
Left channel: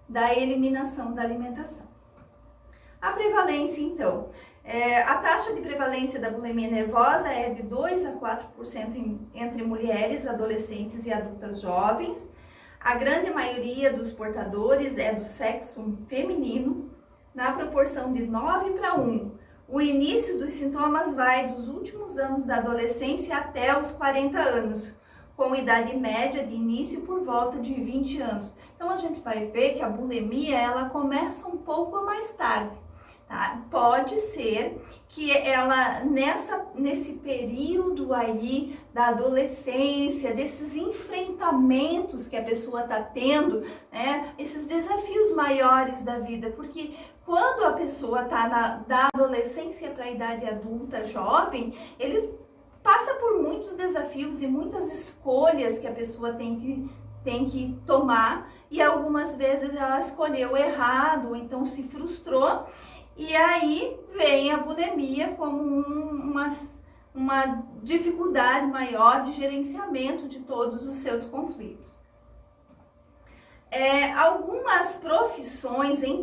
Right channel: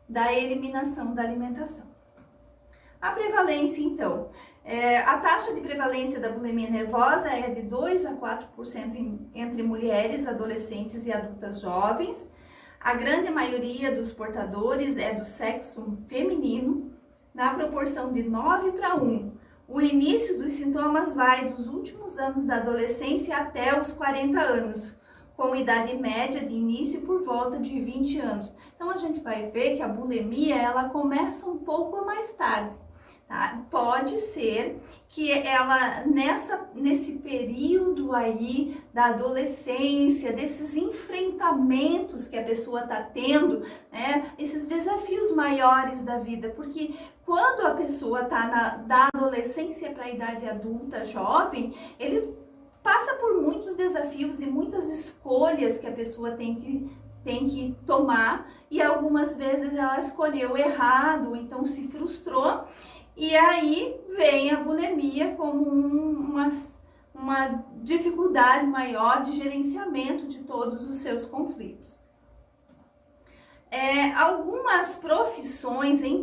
da eliminação da alimentação. A prevalência, então. A taxa de prevalência da bulimia nervosa é de 2 a 4% entre mulheres, adolescentes e adultas jovens. A grande maioria dos portadores é do sexo feminino, na proporção de 9:1. O início dos sintomas vai dos últimos anos da adolescência até os 40 anos, com idade média de início por volta de 20 anos. Então, a gente vai ver que a bulimia, ela começa um pouco mais tarde, tá? Pode ser que ela, nesse período aí da adolescência, desses enfrentamentos que a pessoa está tendo, né? Esses desafios maiores da vida, porque quando a pessoa está da adolescência para a idade adulta, jovem, ele passa por muitos desafios e muitas escolhas que a pessoa tem que tomar, e algumas vezes ela escolheu errado, então se frustrou, e aí vem a bulimia como uma dificuldade maior de gerenciamento de todos os seus conflitos. Algumas profissões em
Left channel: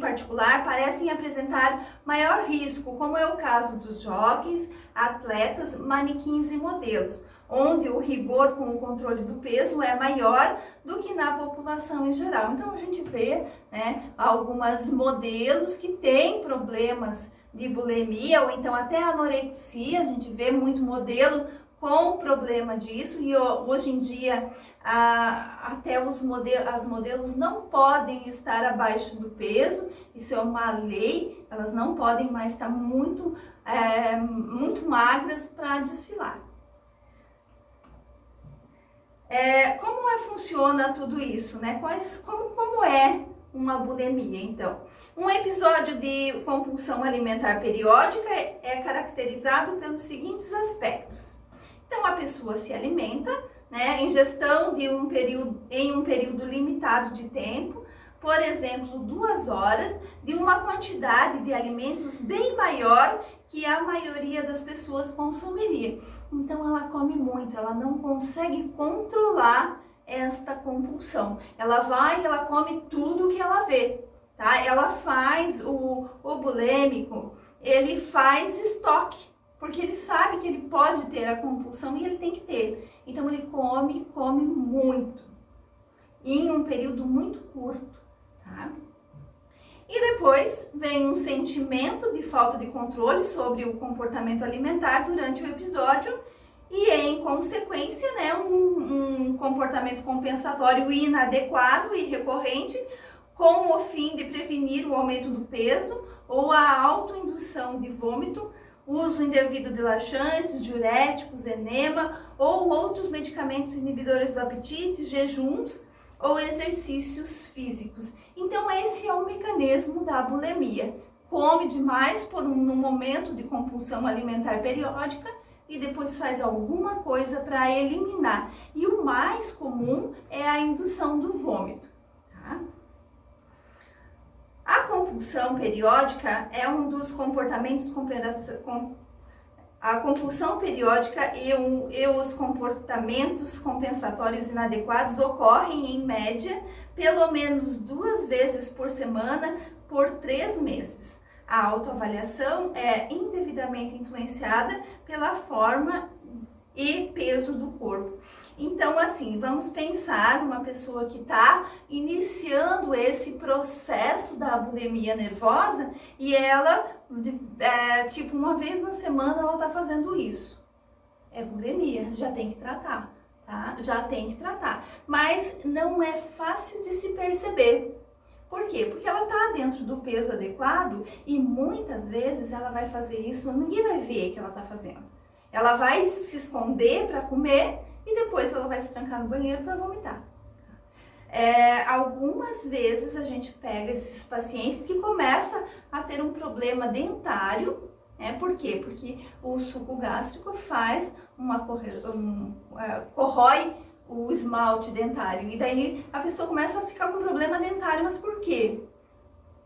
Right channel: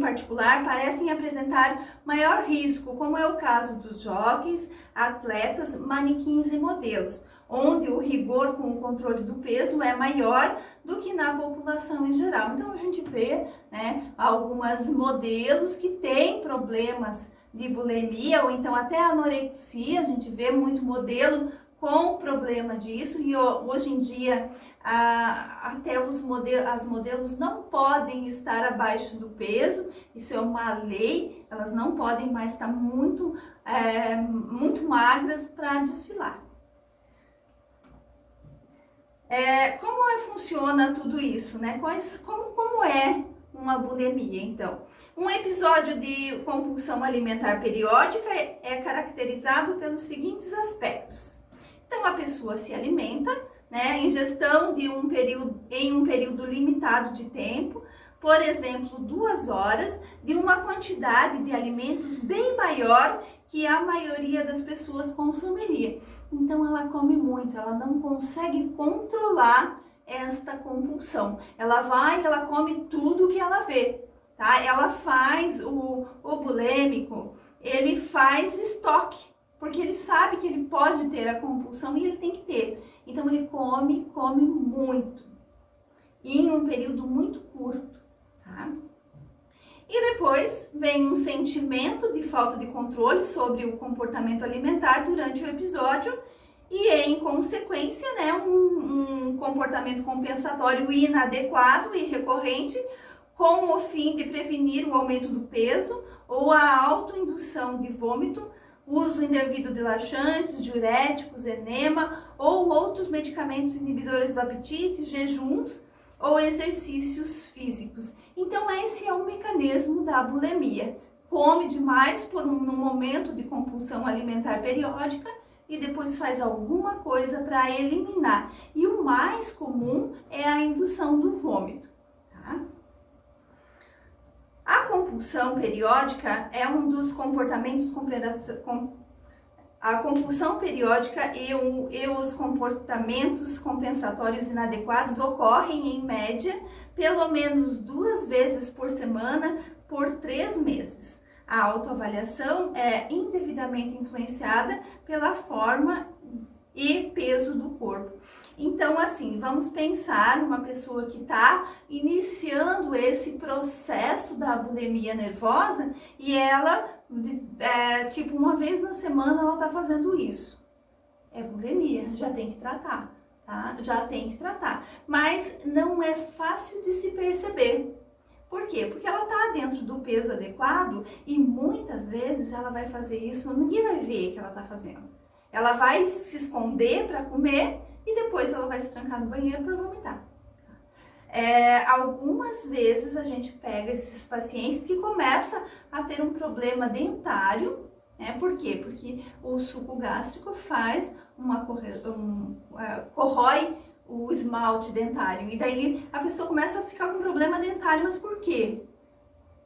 particular parecem apresentar maior risco, como é o caso dos jockeys, atletas, manequins e modelos, onde o rigor com o controle do peso é maior do que na população em geral. Então a gente vê, né, algumas modelos que têm problemas de bulimia ou então até anorexia. A gente vê muito modelo com problema disso, e hoje em dia até as modelos não podem estar abaixo do peso. Isso é uma lei, elas não podem mais estar muito magras para desfilar. Como funciona tudo isso, né? Como é uma bulimia, então? Um episódio de compulsão alimentar periódica é caracterizado pelos seguintes aspectos. Então, a pessoa se alimenta, né, ingestão em um período limitado de tempo, por exemplo, 2 horas, de uma quantidade de alimentos bem maior que a maioria das pessoas consumiria. Então, ela come muito, ela não consegue controlar esta compulsão. Ela come tudo que ela vê, tá? Ela faz, o bulêmico, ele faz estoque, porque ele sabe que ele pode ter a compulsão e ele tem que ter. Então, ele come muito, em um período muito curto, tá? E depois vem um sentimento de falta de controle sobre o comportamento alimentar durante o episódio e, em consequência, né, um comportamento compensatório inadequado e recorrente, com o fim de prevenir o aumento do peso ou a autoindução de vômito, uso indevido de laxantes, diuréticos, enema ou outros medicamentos inibidores do apetite, jejuns ou exercícios físicos. Então, esse é o mecanismo da bulimia. Come demais num momento de compulsão alimentar periódica e depois faz alguma coisa para eliminar. E o mais comum é a indução do vômito, tá? A compulsão periódica é um dos comportamentos a compulsão periódica e os comportamentos compensatórios inadequados ocorrem, em média, pelo menos 2 vezes por semana por 3 meses. A autoavaliação é indevidamente influenciada pela forma e peso do corpo. Então, assim, vamos pensar numa pessoa que está iniciando esse processo da bulimia nervosa e ela, tipo, uma vez na semana ela está fazendo isso. É bulimia, já tem que tratar, tá? Já tem que tratar. Mas não é fácil de se perceber. Por quê? Porque ela está dentro do peso adequado e muitas vezes ela vai fazer isso, ninguém vai ver que ela está fazendo. Ela vai se esconder para comer e depois ela vai se trancar no banheiro para vomitar. Algumas vezes a gente pega esses pacientes que começam a ter um problema dentário, né? Por quê? Porque o suco gástrico faz corrói o esmalte dentário e daí a pessoa começa a ficar com problema dentário. Mas por quê?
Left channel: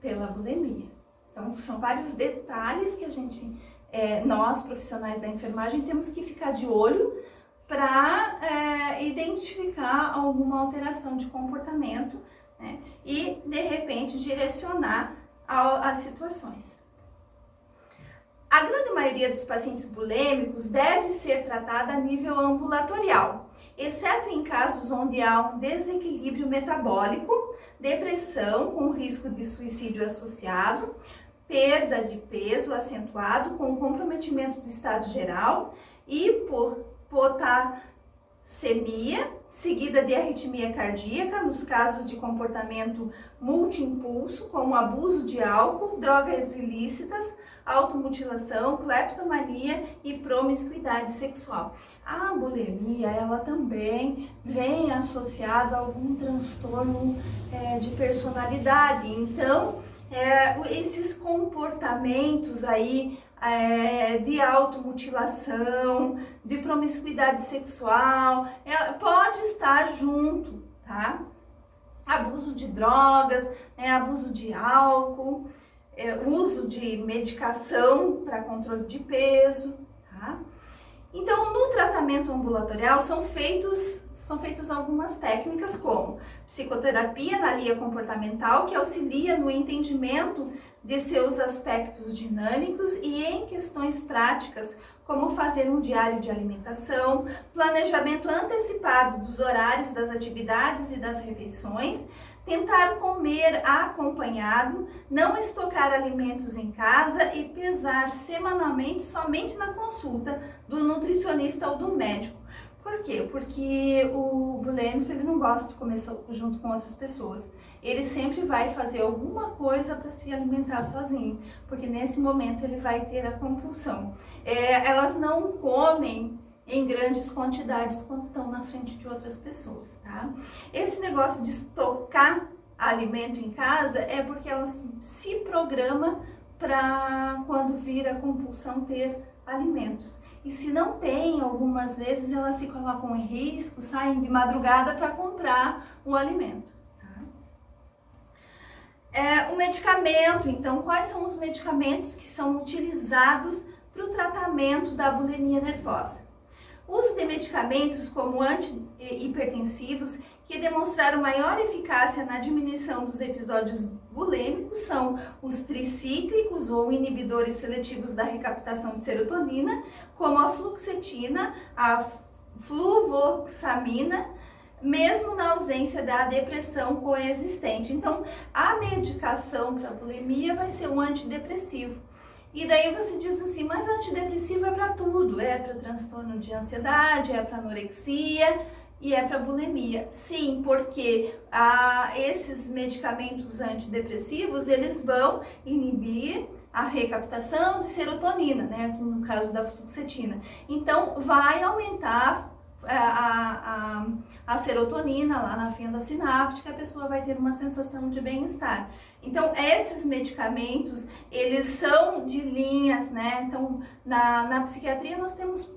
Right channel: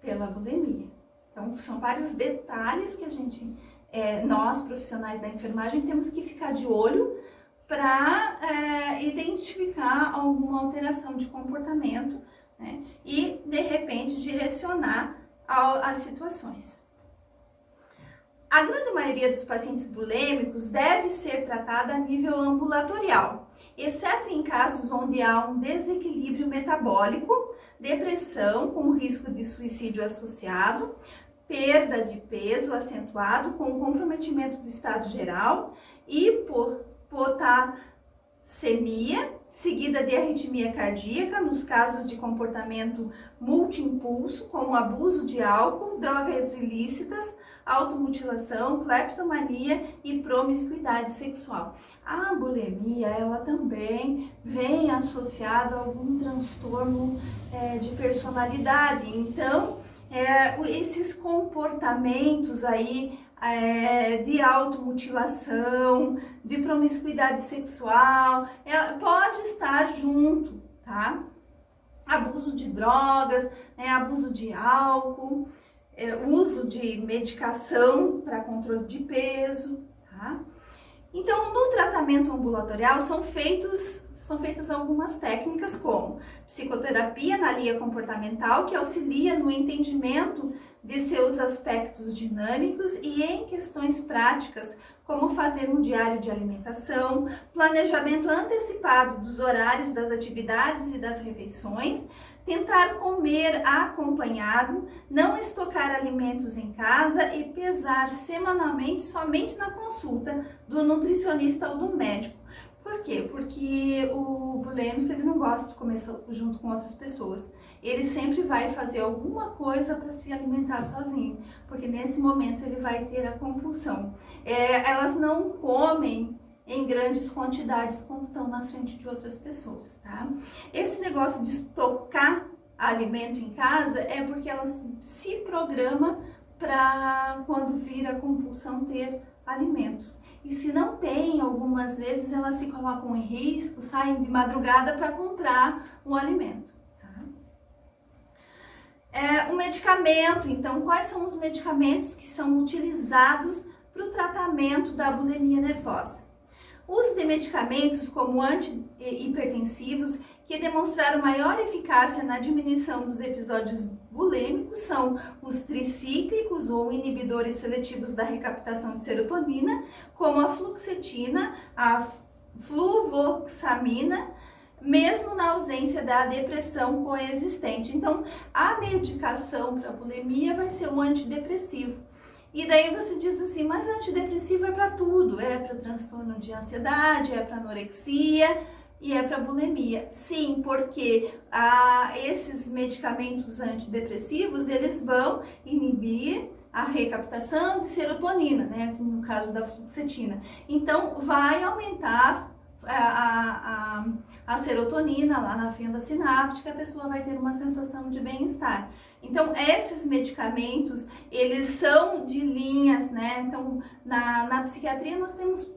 Pela bulimia. Então, são vários detalhes que nós, profissionais da enfermagem, temos que ficar de olho para identificar alguma alteração de comportamento, né? E, de repente, direcionar as situações. A grande maioria dos pacientes bulêmicos deve ser tratada a nível ambulatorial, exceto em casos onde há um desequilíbrio metabólico, depressão com risco de suicídio associado, perda de peso acentuado com comprometimento do estado geral, hipopotassemias glicemia, seguida de arritmia cardíaca, nos casos de comportamento multiimpulso, como abuso de álcool, drogas ilícitas, automutilação, cleptomania e promiscuidade sexual. A bulimia, ela também vem associada a algum transtorno de personalidade. Então, esses comportamentos aí de automutilação, de promiscuidade sexual, pode estar junto, tá? Abuso de drogas, abuso de álcool, uso de medicação para controle de peso, tá? Então, no tratamento ambulatorial são feitas algumas técnicas como psicoterapia na linha comportamental, que auxilia no entendimento de seus aspectos dinâmicos e em questões práticas, como fazer um diário de alimentação, planejamento antecipado dos horários das atividades e das refeições, tentar comer acompanhado, não estocar alimentos em casa e pesar semanalmente somente na consulta do nutricionista ou do médico. Por quê? Porque o bulêmico, ele não gosta de comer junto com outras pessoas. Ele sempre vai fazer alguma coisa para se alimentar sozinho, porque nesse momento ele vai ter a compulsão. Elas não comem em grandes quantidades quando estão na frente de outras pessoas, tá? Esse negócio de estocar alimento em casa é porque ela se programa para quando vir a compulsão ter alimentos. E se não tem, algumas vezes elas se colocam em risco, saem de madrugada para comprar o alimento. O medicamento, então, quais são os medicamentos que são utilizados para o tratamento da bulimia nervosa? O uso de medicamentos como antihipertensivos que demonstraram maior eficácia na diminuição dos episódios bulêmicos são os tricíclicos ou inibidores seletivos da recaptação de serotonina, como a fluoxetina, a fluvoxamina, mesmo na ausência da depressão coexistente. Então, a medicação para bulimia vai ser um antidepressivo. E daí você diz assim, mas antidepressivo é para tudo, é para transtorno de ansiedade, é para anorexia e é para bulimia. Sim, porque esses medicamentos antidepressivos, eles vão inibir a recaptação de serotonina, né, aqui no caso da fluoxetina. Então, vai aumentar a serotonina lá na fenda sináptica, a pessoa vai ter uma sensação de bem-estar. Então, esses medicamentos, eles são de linhas, né? Então, na psiquiatria nós temos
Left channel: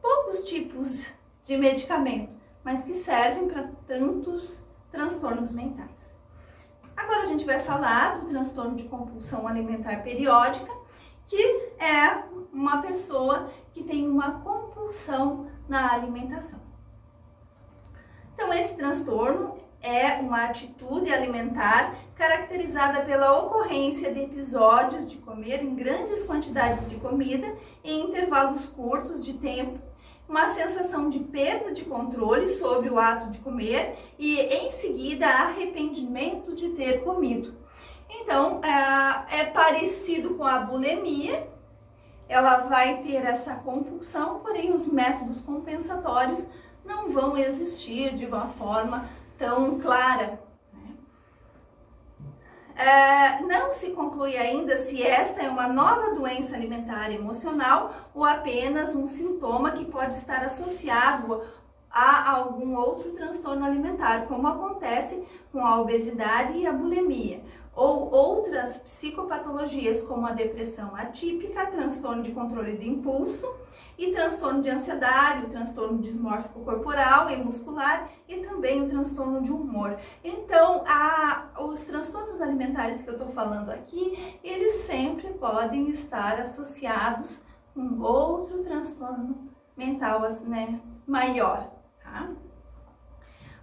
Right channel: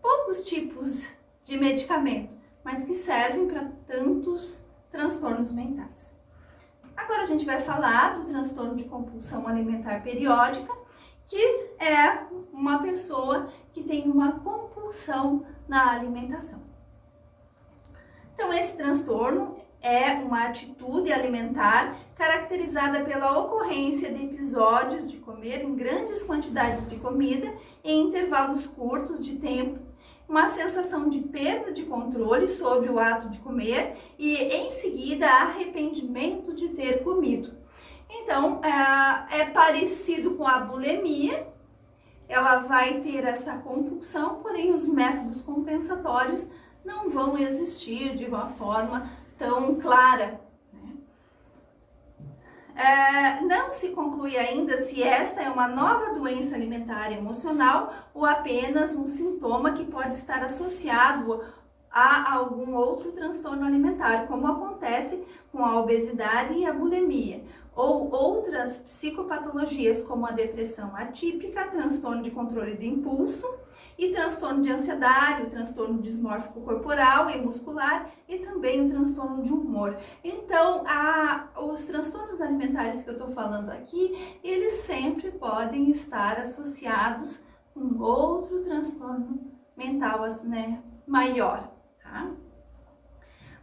poucos tipos de medicamento, mas que servem para tantos transtornos mentais. Agora a gente vai falar do transtorno de compulsão alimentar periódica, que é uma pessoa que tem uma compulsão na alimentação. Então, esse transtorno é uma atitude alimentar caracterizada pela ocorrência de episódios de comer em grandes quantidades de comida em intervalos curtos de tempo, uma sensação de perda de controle sobre o ato de comer e, em seguida, arrependimento de ter comido. Então, é parecido com a bulimia, ela vai ter essa compulsão, porém os métodos compensatórios não vão existir de uma forma tão clara. Não se conclui ainda se esta é uma nova doença alimentar emocional ou apenas um sintoma que pode estar associado a algum outro transtorno alimentar, como acontece com a obesidade e a bulimia, ou outras psicopatologias como a depressão atípica, transtorno de controle de impulso e transtorno de ansiedade, o transtorno dismórfico corporal e muscular e também o transtorno de humor. Então, os transtornos alimentares que eu estou falando aqui, eles sempre podem estar associados com outro transtorno mental, né, maior, tá?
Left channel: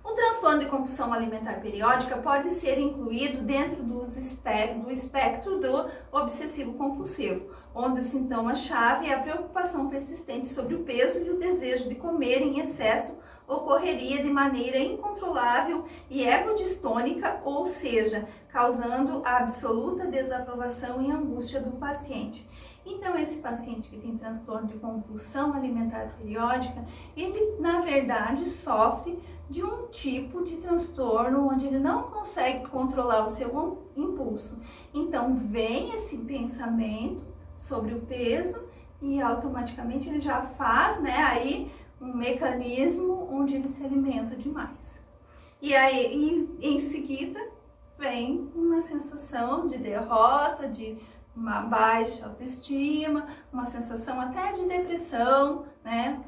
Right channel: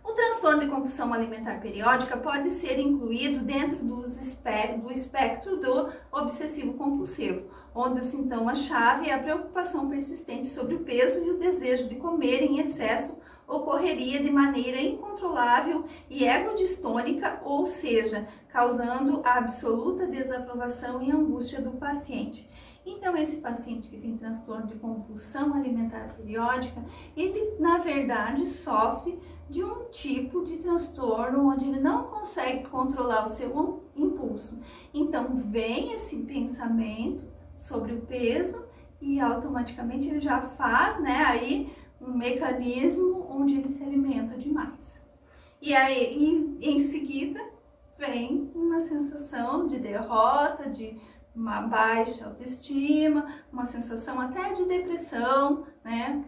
O transtorno de compulsão alimentar periódica pode ser incluído dentro do espectro do obsessivo compulsivo, onde o sintoma-chave é a preocupação persistente sobre o peso e o desejo de comer em excesso ocorreria de maneira incontrolável e egodistônica, ou seja, causando a absoluta desaprovação e angústia do paciente. Então, esse paciente que tem transtorno de compulsão alimentar periódica, ele, na verdade, sofre de um tipo de transtorno onde ele não consegue controlar o seu impulso. Então, vem esse pensamento sobre o peso e automaticamente ele já faz, né, aí um mecanismo onde ele se alimenta demais. E aí, em seguida, vem uma sensação de derrota, de uma baixa autoestima, uma sensação até de depressão, né?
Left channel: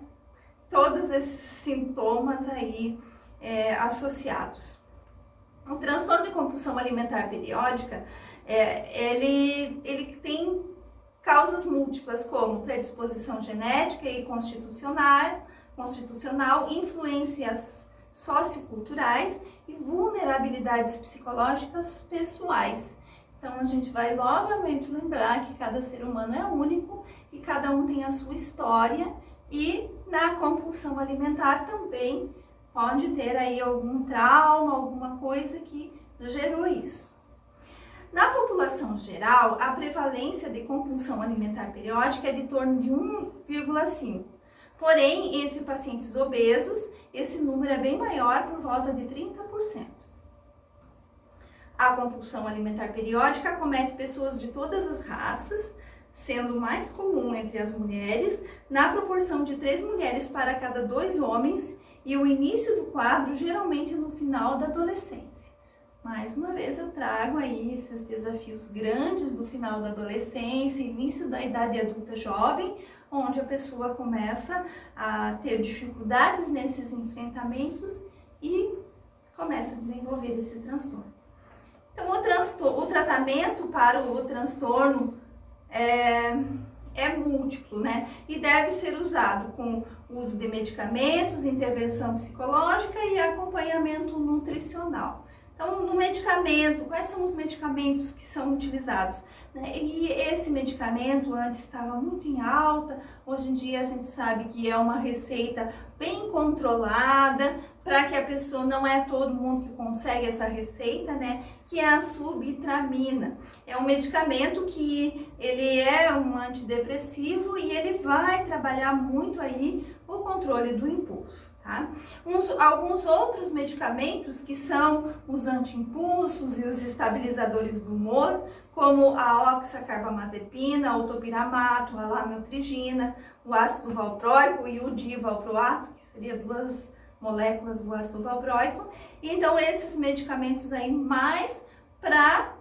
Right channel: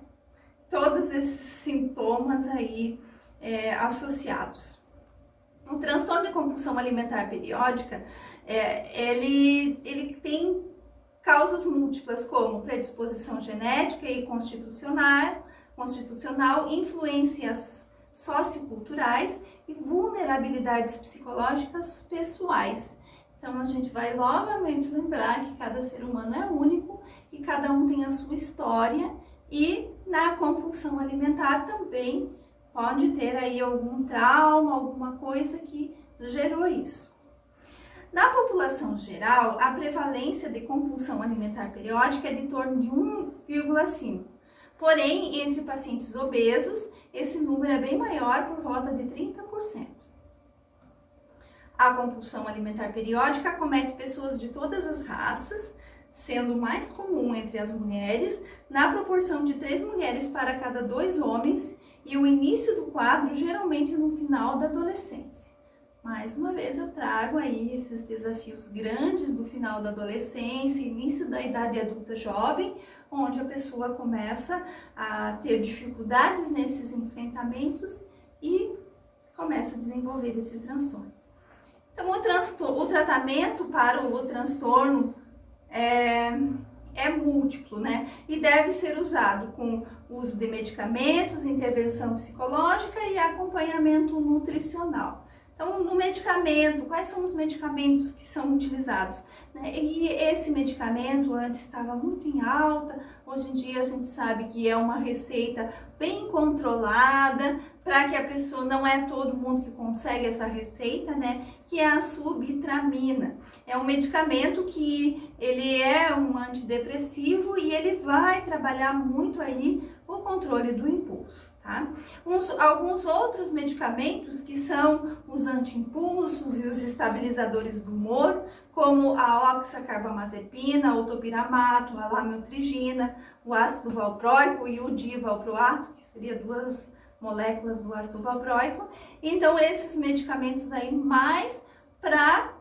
Todos esses sintomas aí associados. O transtorno de compulsão alimentar periódica, ele tem causas múltiplas, como predisposição genética e constitucional, influências socioculturais e vulnerabilidades psicológicas pessoais. Então, a gente vai novamente lembrar que cada ser humano é único e cada um tem a sua história, e na compulsão alimentar também pode ter aí algum trauma, alguma coisa que gerou isso. Na população geral, a prevalência de compulsão alimentar periódica é de torno de 1,5. Porém, entre pacientes obesos, esse número é bem maior, por volta de 30%. A compulsão alimentar periódica acomete pessoas de todas as raças, sendo mais comum entre as mulheres, na proporção de 3 mulheres para cada 2 homens, e o início do quadro geralmente no final da adolescência. Mais uma vez eu trago aí esses desafios grandes do final da adolescência, início da idade adulta jovem, onde a pessoa começa a ter dificuldades nesses enfrentamentos e começa a desenvolver esse transtorno. Então, o tratamento para o transtorno é múltiplo, né? E deve ser usado com uso de medicamentos, intervenção psicológica e acompanhamento nutricional. Então, no medicamento, quais são os medicamentos que são utilizados? E esse medicamento antes estava muito em alta, hoje em dia a gente sabe que é uma receita bem controlada, para que a pessoa, não é todo mundo que consegue essa receita, né? Que é a subitramina. É um medicamento que ele é um antidepressivo e ele vai trabalhar muito aí o controle do impulso, tá? Alguns outros medicamentos que são os anti-impulsos e os estabilizadores do humor, como a oxacarbamazepina, o topiramato, a lamotrigina, o ácido valproico e o divalproato, que seriam 2 moléculas do ácido valproico. Então, esses medicamentos aí mais para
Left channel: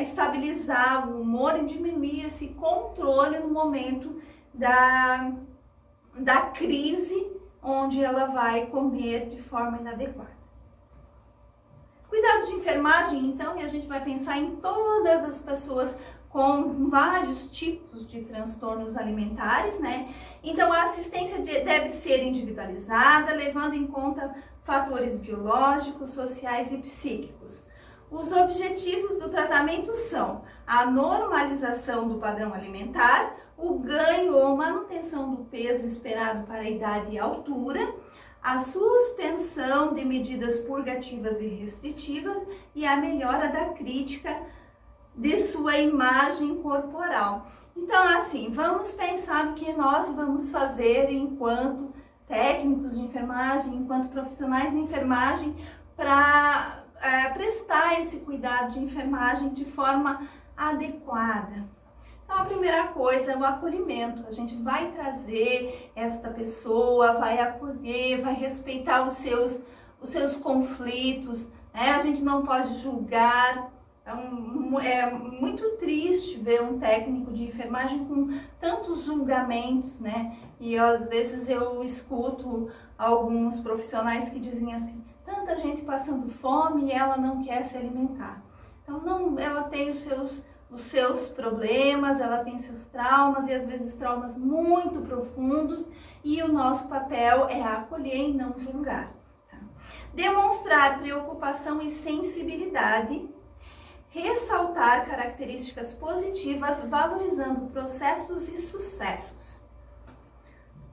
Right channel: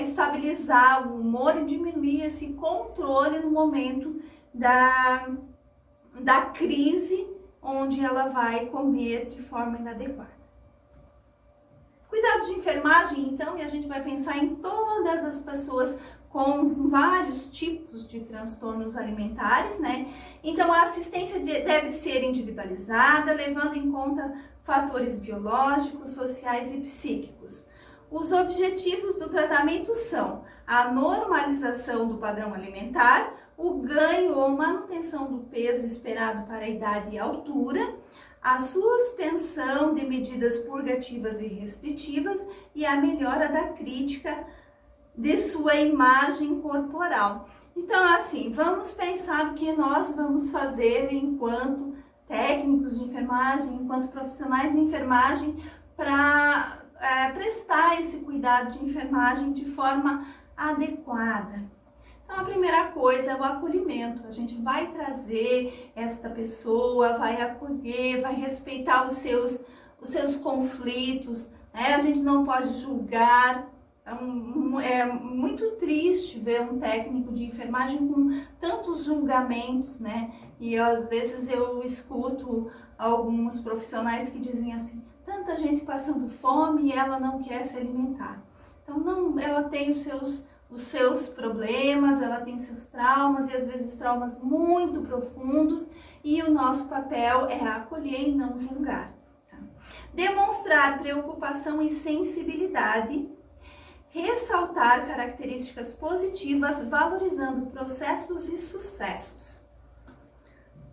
estabilizar o humor e diminuir esse controle no momento da crise, onde ela vai comer de forma inadequada. Cuidado de enfermagem, então, e a gente vai pensar em todas as pessoas com vários tipos de transtornos alimentares, né? Então, a assistência deve ser individualizada, levando em conta fatores biológicos, sociais e psíquicos. Os objetivos do tratamento são a normalização do padrão alimentar, o ganho ou manutenção do peso esperado para a idade e altura, a suspensão de medidas purgativas e restritivas e a melhora da crítica de sua imagem corporal. Então, assim, vamos pensar o que nós vamos fazer enquanto técnicos de enfermagem, enquanto profissionais de enfermagem, para prestar esse cuidado de enfermagem de forma adequada. Então, a primeira coisa é o acolhimento. A gente vai trazer esta pessoa, vai acolher, vai respeitar os seus conflitos, né? A gente não pode julgar. É muito triste ver um técnico de enfermagem com tantos julgamentos, né? E às vezes eu escuto alguns profissionais que dizem assim: tanta gente passando fome e ela não quer se alimentar. Então, não, ela tem os seus problemas, ela tem seus traumas, e às vezes traumas muito profundos, e o nosso papel é acolher e não julgar. Tá? Demonstrar preocupação e sensibilidade, ressaltar características positivas, valorizando processos e sucessos.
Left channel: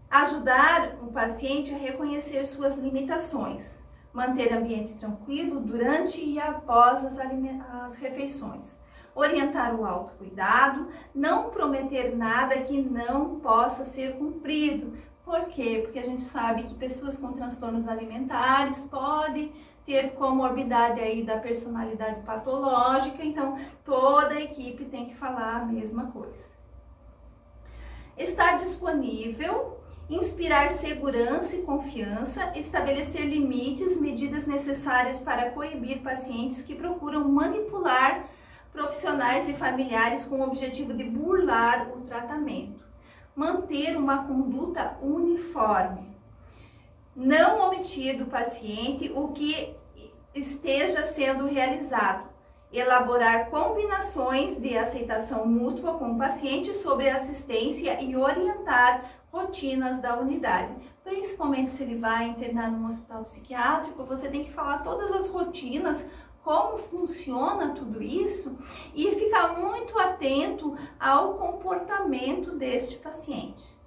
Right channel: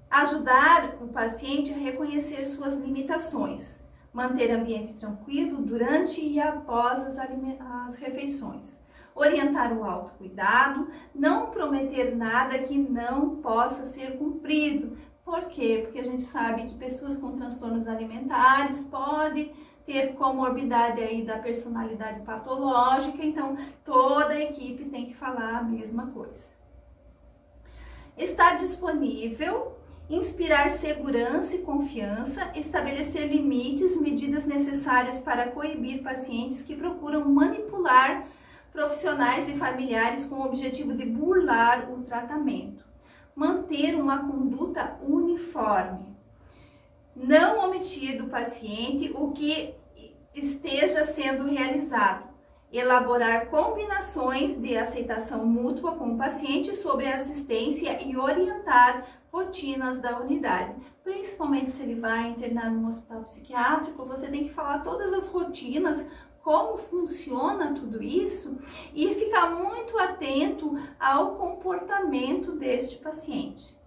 Ajudar o paciente a reconhecer suas limitações, manter ambiente tranquilo durante e após as refeições. orientar o autocuidado, não prometer nada que não possa ser cumprido. Por quê? Porque a gente sabe que pessoas com transtornos alimentares podem ter comorbidade aí da personalidade patológica, então toda a equipe tem que falar a mesma coisa. Estar disponível, inspirar segurança e confiança, estabelecer limites, medidas necessárias para coibir pacientes que procuram manipular profissionais e familiares com o objetivo de burlar o tratamento. Manter uma conduta uniforme. Não omitir do paciente o que esteja sendo realizado. Elaborar combinações de aceitação mútua com o paciente sobre assistência e orientar rotinas da unidade. Principalmente se ele vai internar num hospital psiquiátrico, você tem que falar todas as rotinas, como funciona tudo isso e ficar muito atento ao comportamento deste paciente.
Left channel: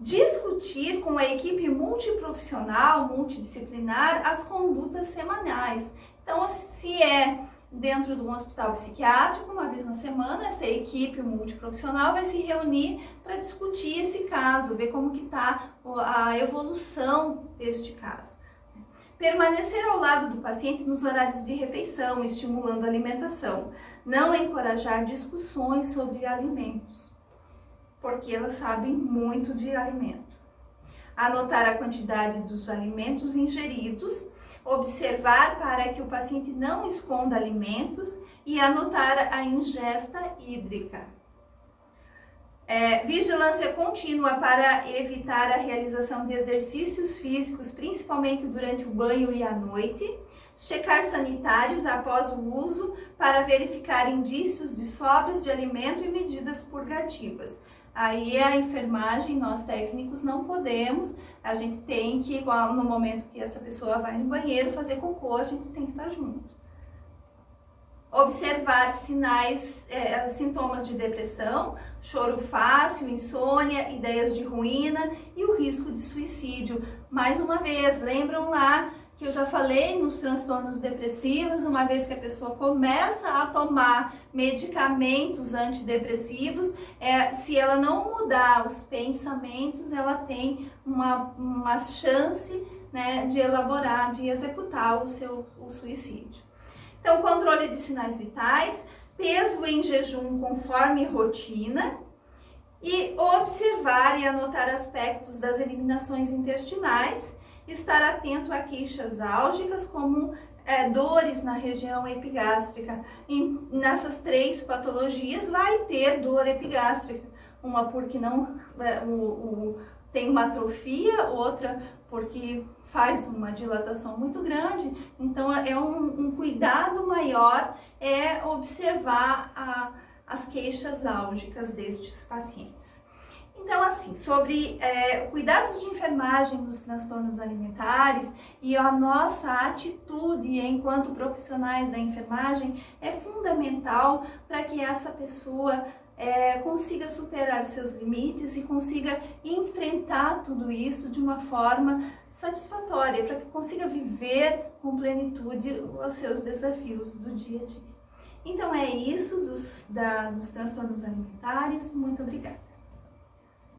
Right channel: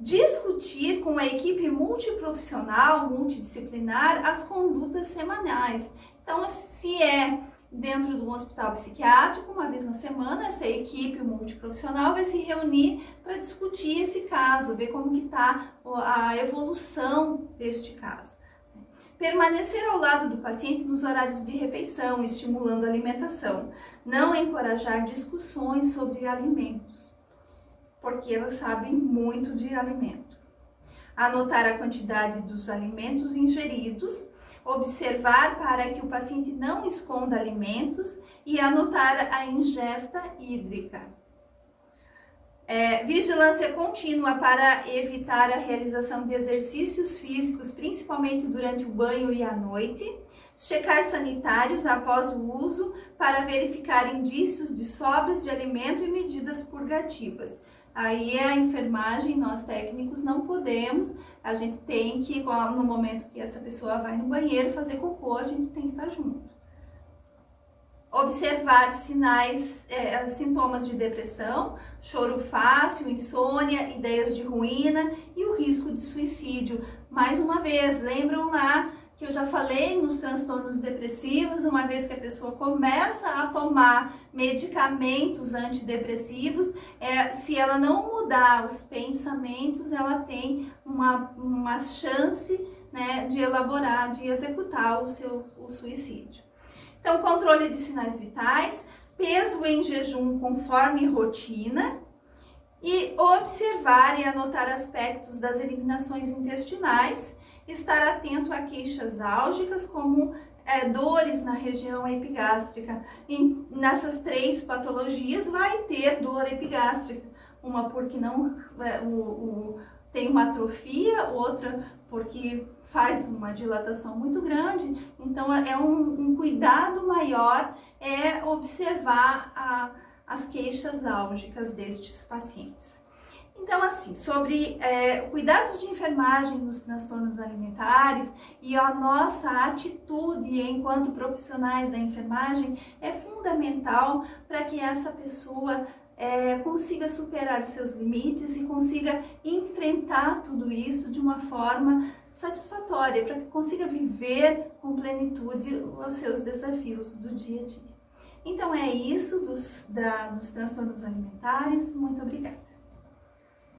Discutir com a equipe multiprofissional, multidisciplinar, as condutas semanais. Então, se é dentro de um hospital psiquiátrico, uma vez na semana, essa equipe multiprofissional vai se reunir para discutir esse caso, ver como que está a evolução deste caso. Permanecer ao lado do paciente nos horários de refeição, estimulando a alimentação. Não encorajar discussões sobre alimentos, porque elas sabem muito de alimento. Anotar a quantidade dos alimentos ingeridos, observar para que o paciente não esconda alimentos e anotar a ingesta hídrica. Vigilância contínua para evitar a realização de exercícios físicos, principalmente durante o banho e à noite. Checar sanitários após o uso para verificar indícios de sobras de alimento e medidas purgativas. Aí a enfermagem, nós técnicos não podemos, a gente tem que, no momento que essa pessoa vai no banheiro fazer cocô, a gente tem que estar junto. Observar sintomas de depressão, choro fácil, insônia, ideias de ruína e o risco de suicídio. Mais uma vez, lembram lá que eu já falei nos transtornos depressivos, uma vez que a pessoa começa a tomar medicamentos antidepressivos, se ela não mudar os pensamentos, ela tem uma chance, né, de elaborar, de executar o suicídio. Então, controle de sinais vitais, peso em jejum conforme rotina e observar e anotar aspectos das eliminações intestinais, estar atento a queixas álgicas como dores na região epigástrica. E nessas 3 patologias vai ter dor epigástrica, uma porque não tem uma atrofia, outra porque faz uma dilatação muito grande. Então é um cuidado maior observar as queixas álgicas destes pacientes. Então, assim, sobre cuidados de enfermagem nos transtornos alimentares e a nossa atitude enquanto profissionais da enfermagem é fundamental para que essa pessoa consiga superar seus limites e consiga enfrentar tudo isso de uma forma satisfatória, para que consiga viver com plenitude os seus desafios do dia a dia. Então, é isso dos transtornos alimentares. Muito obrigada.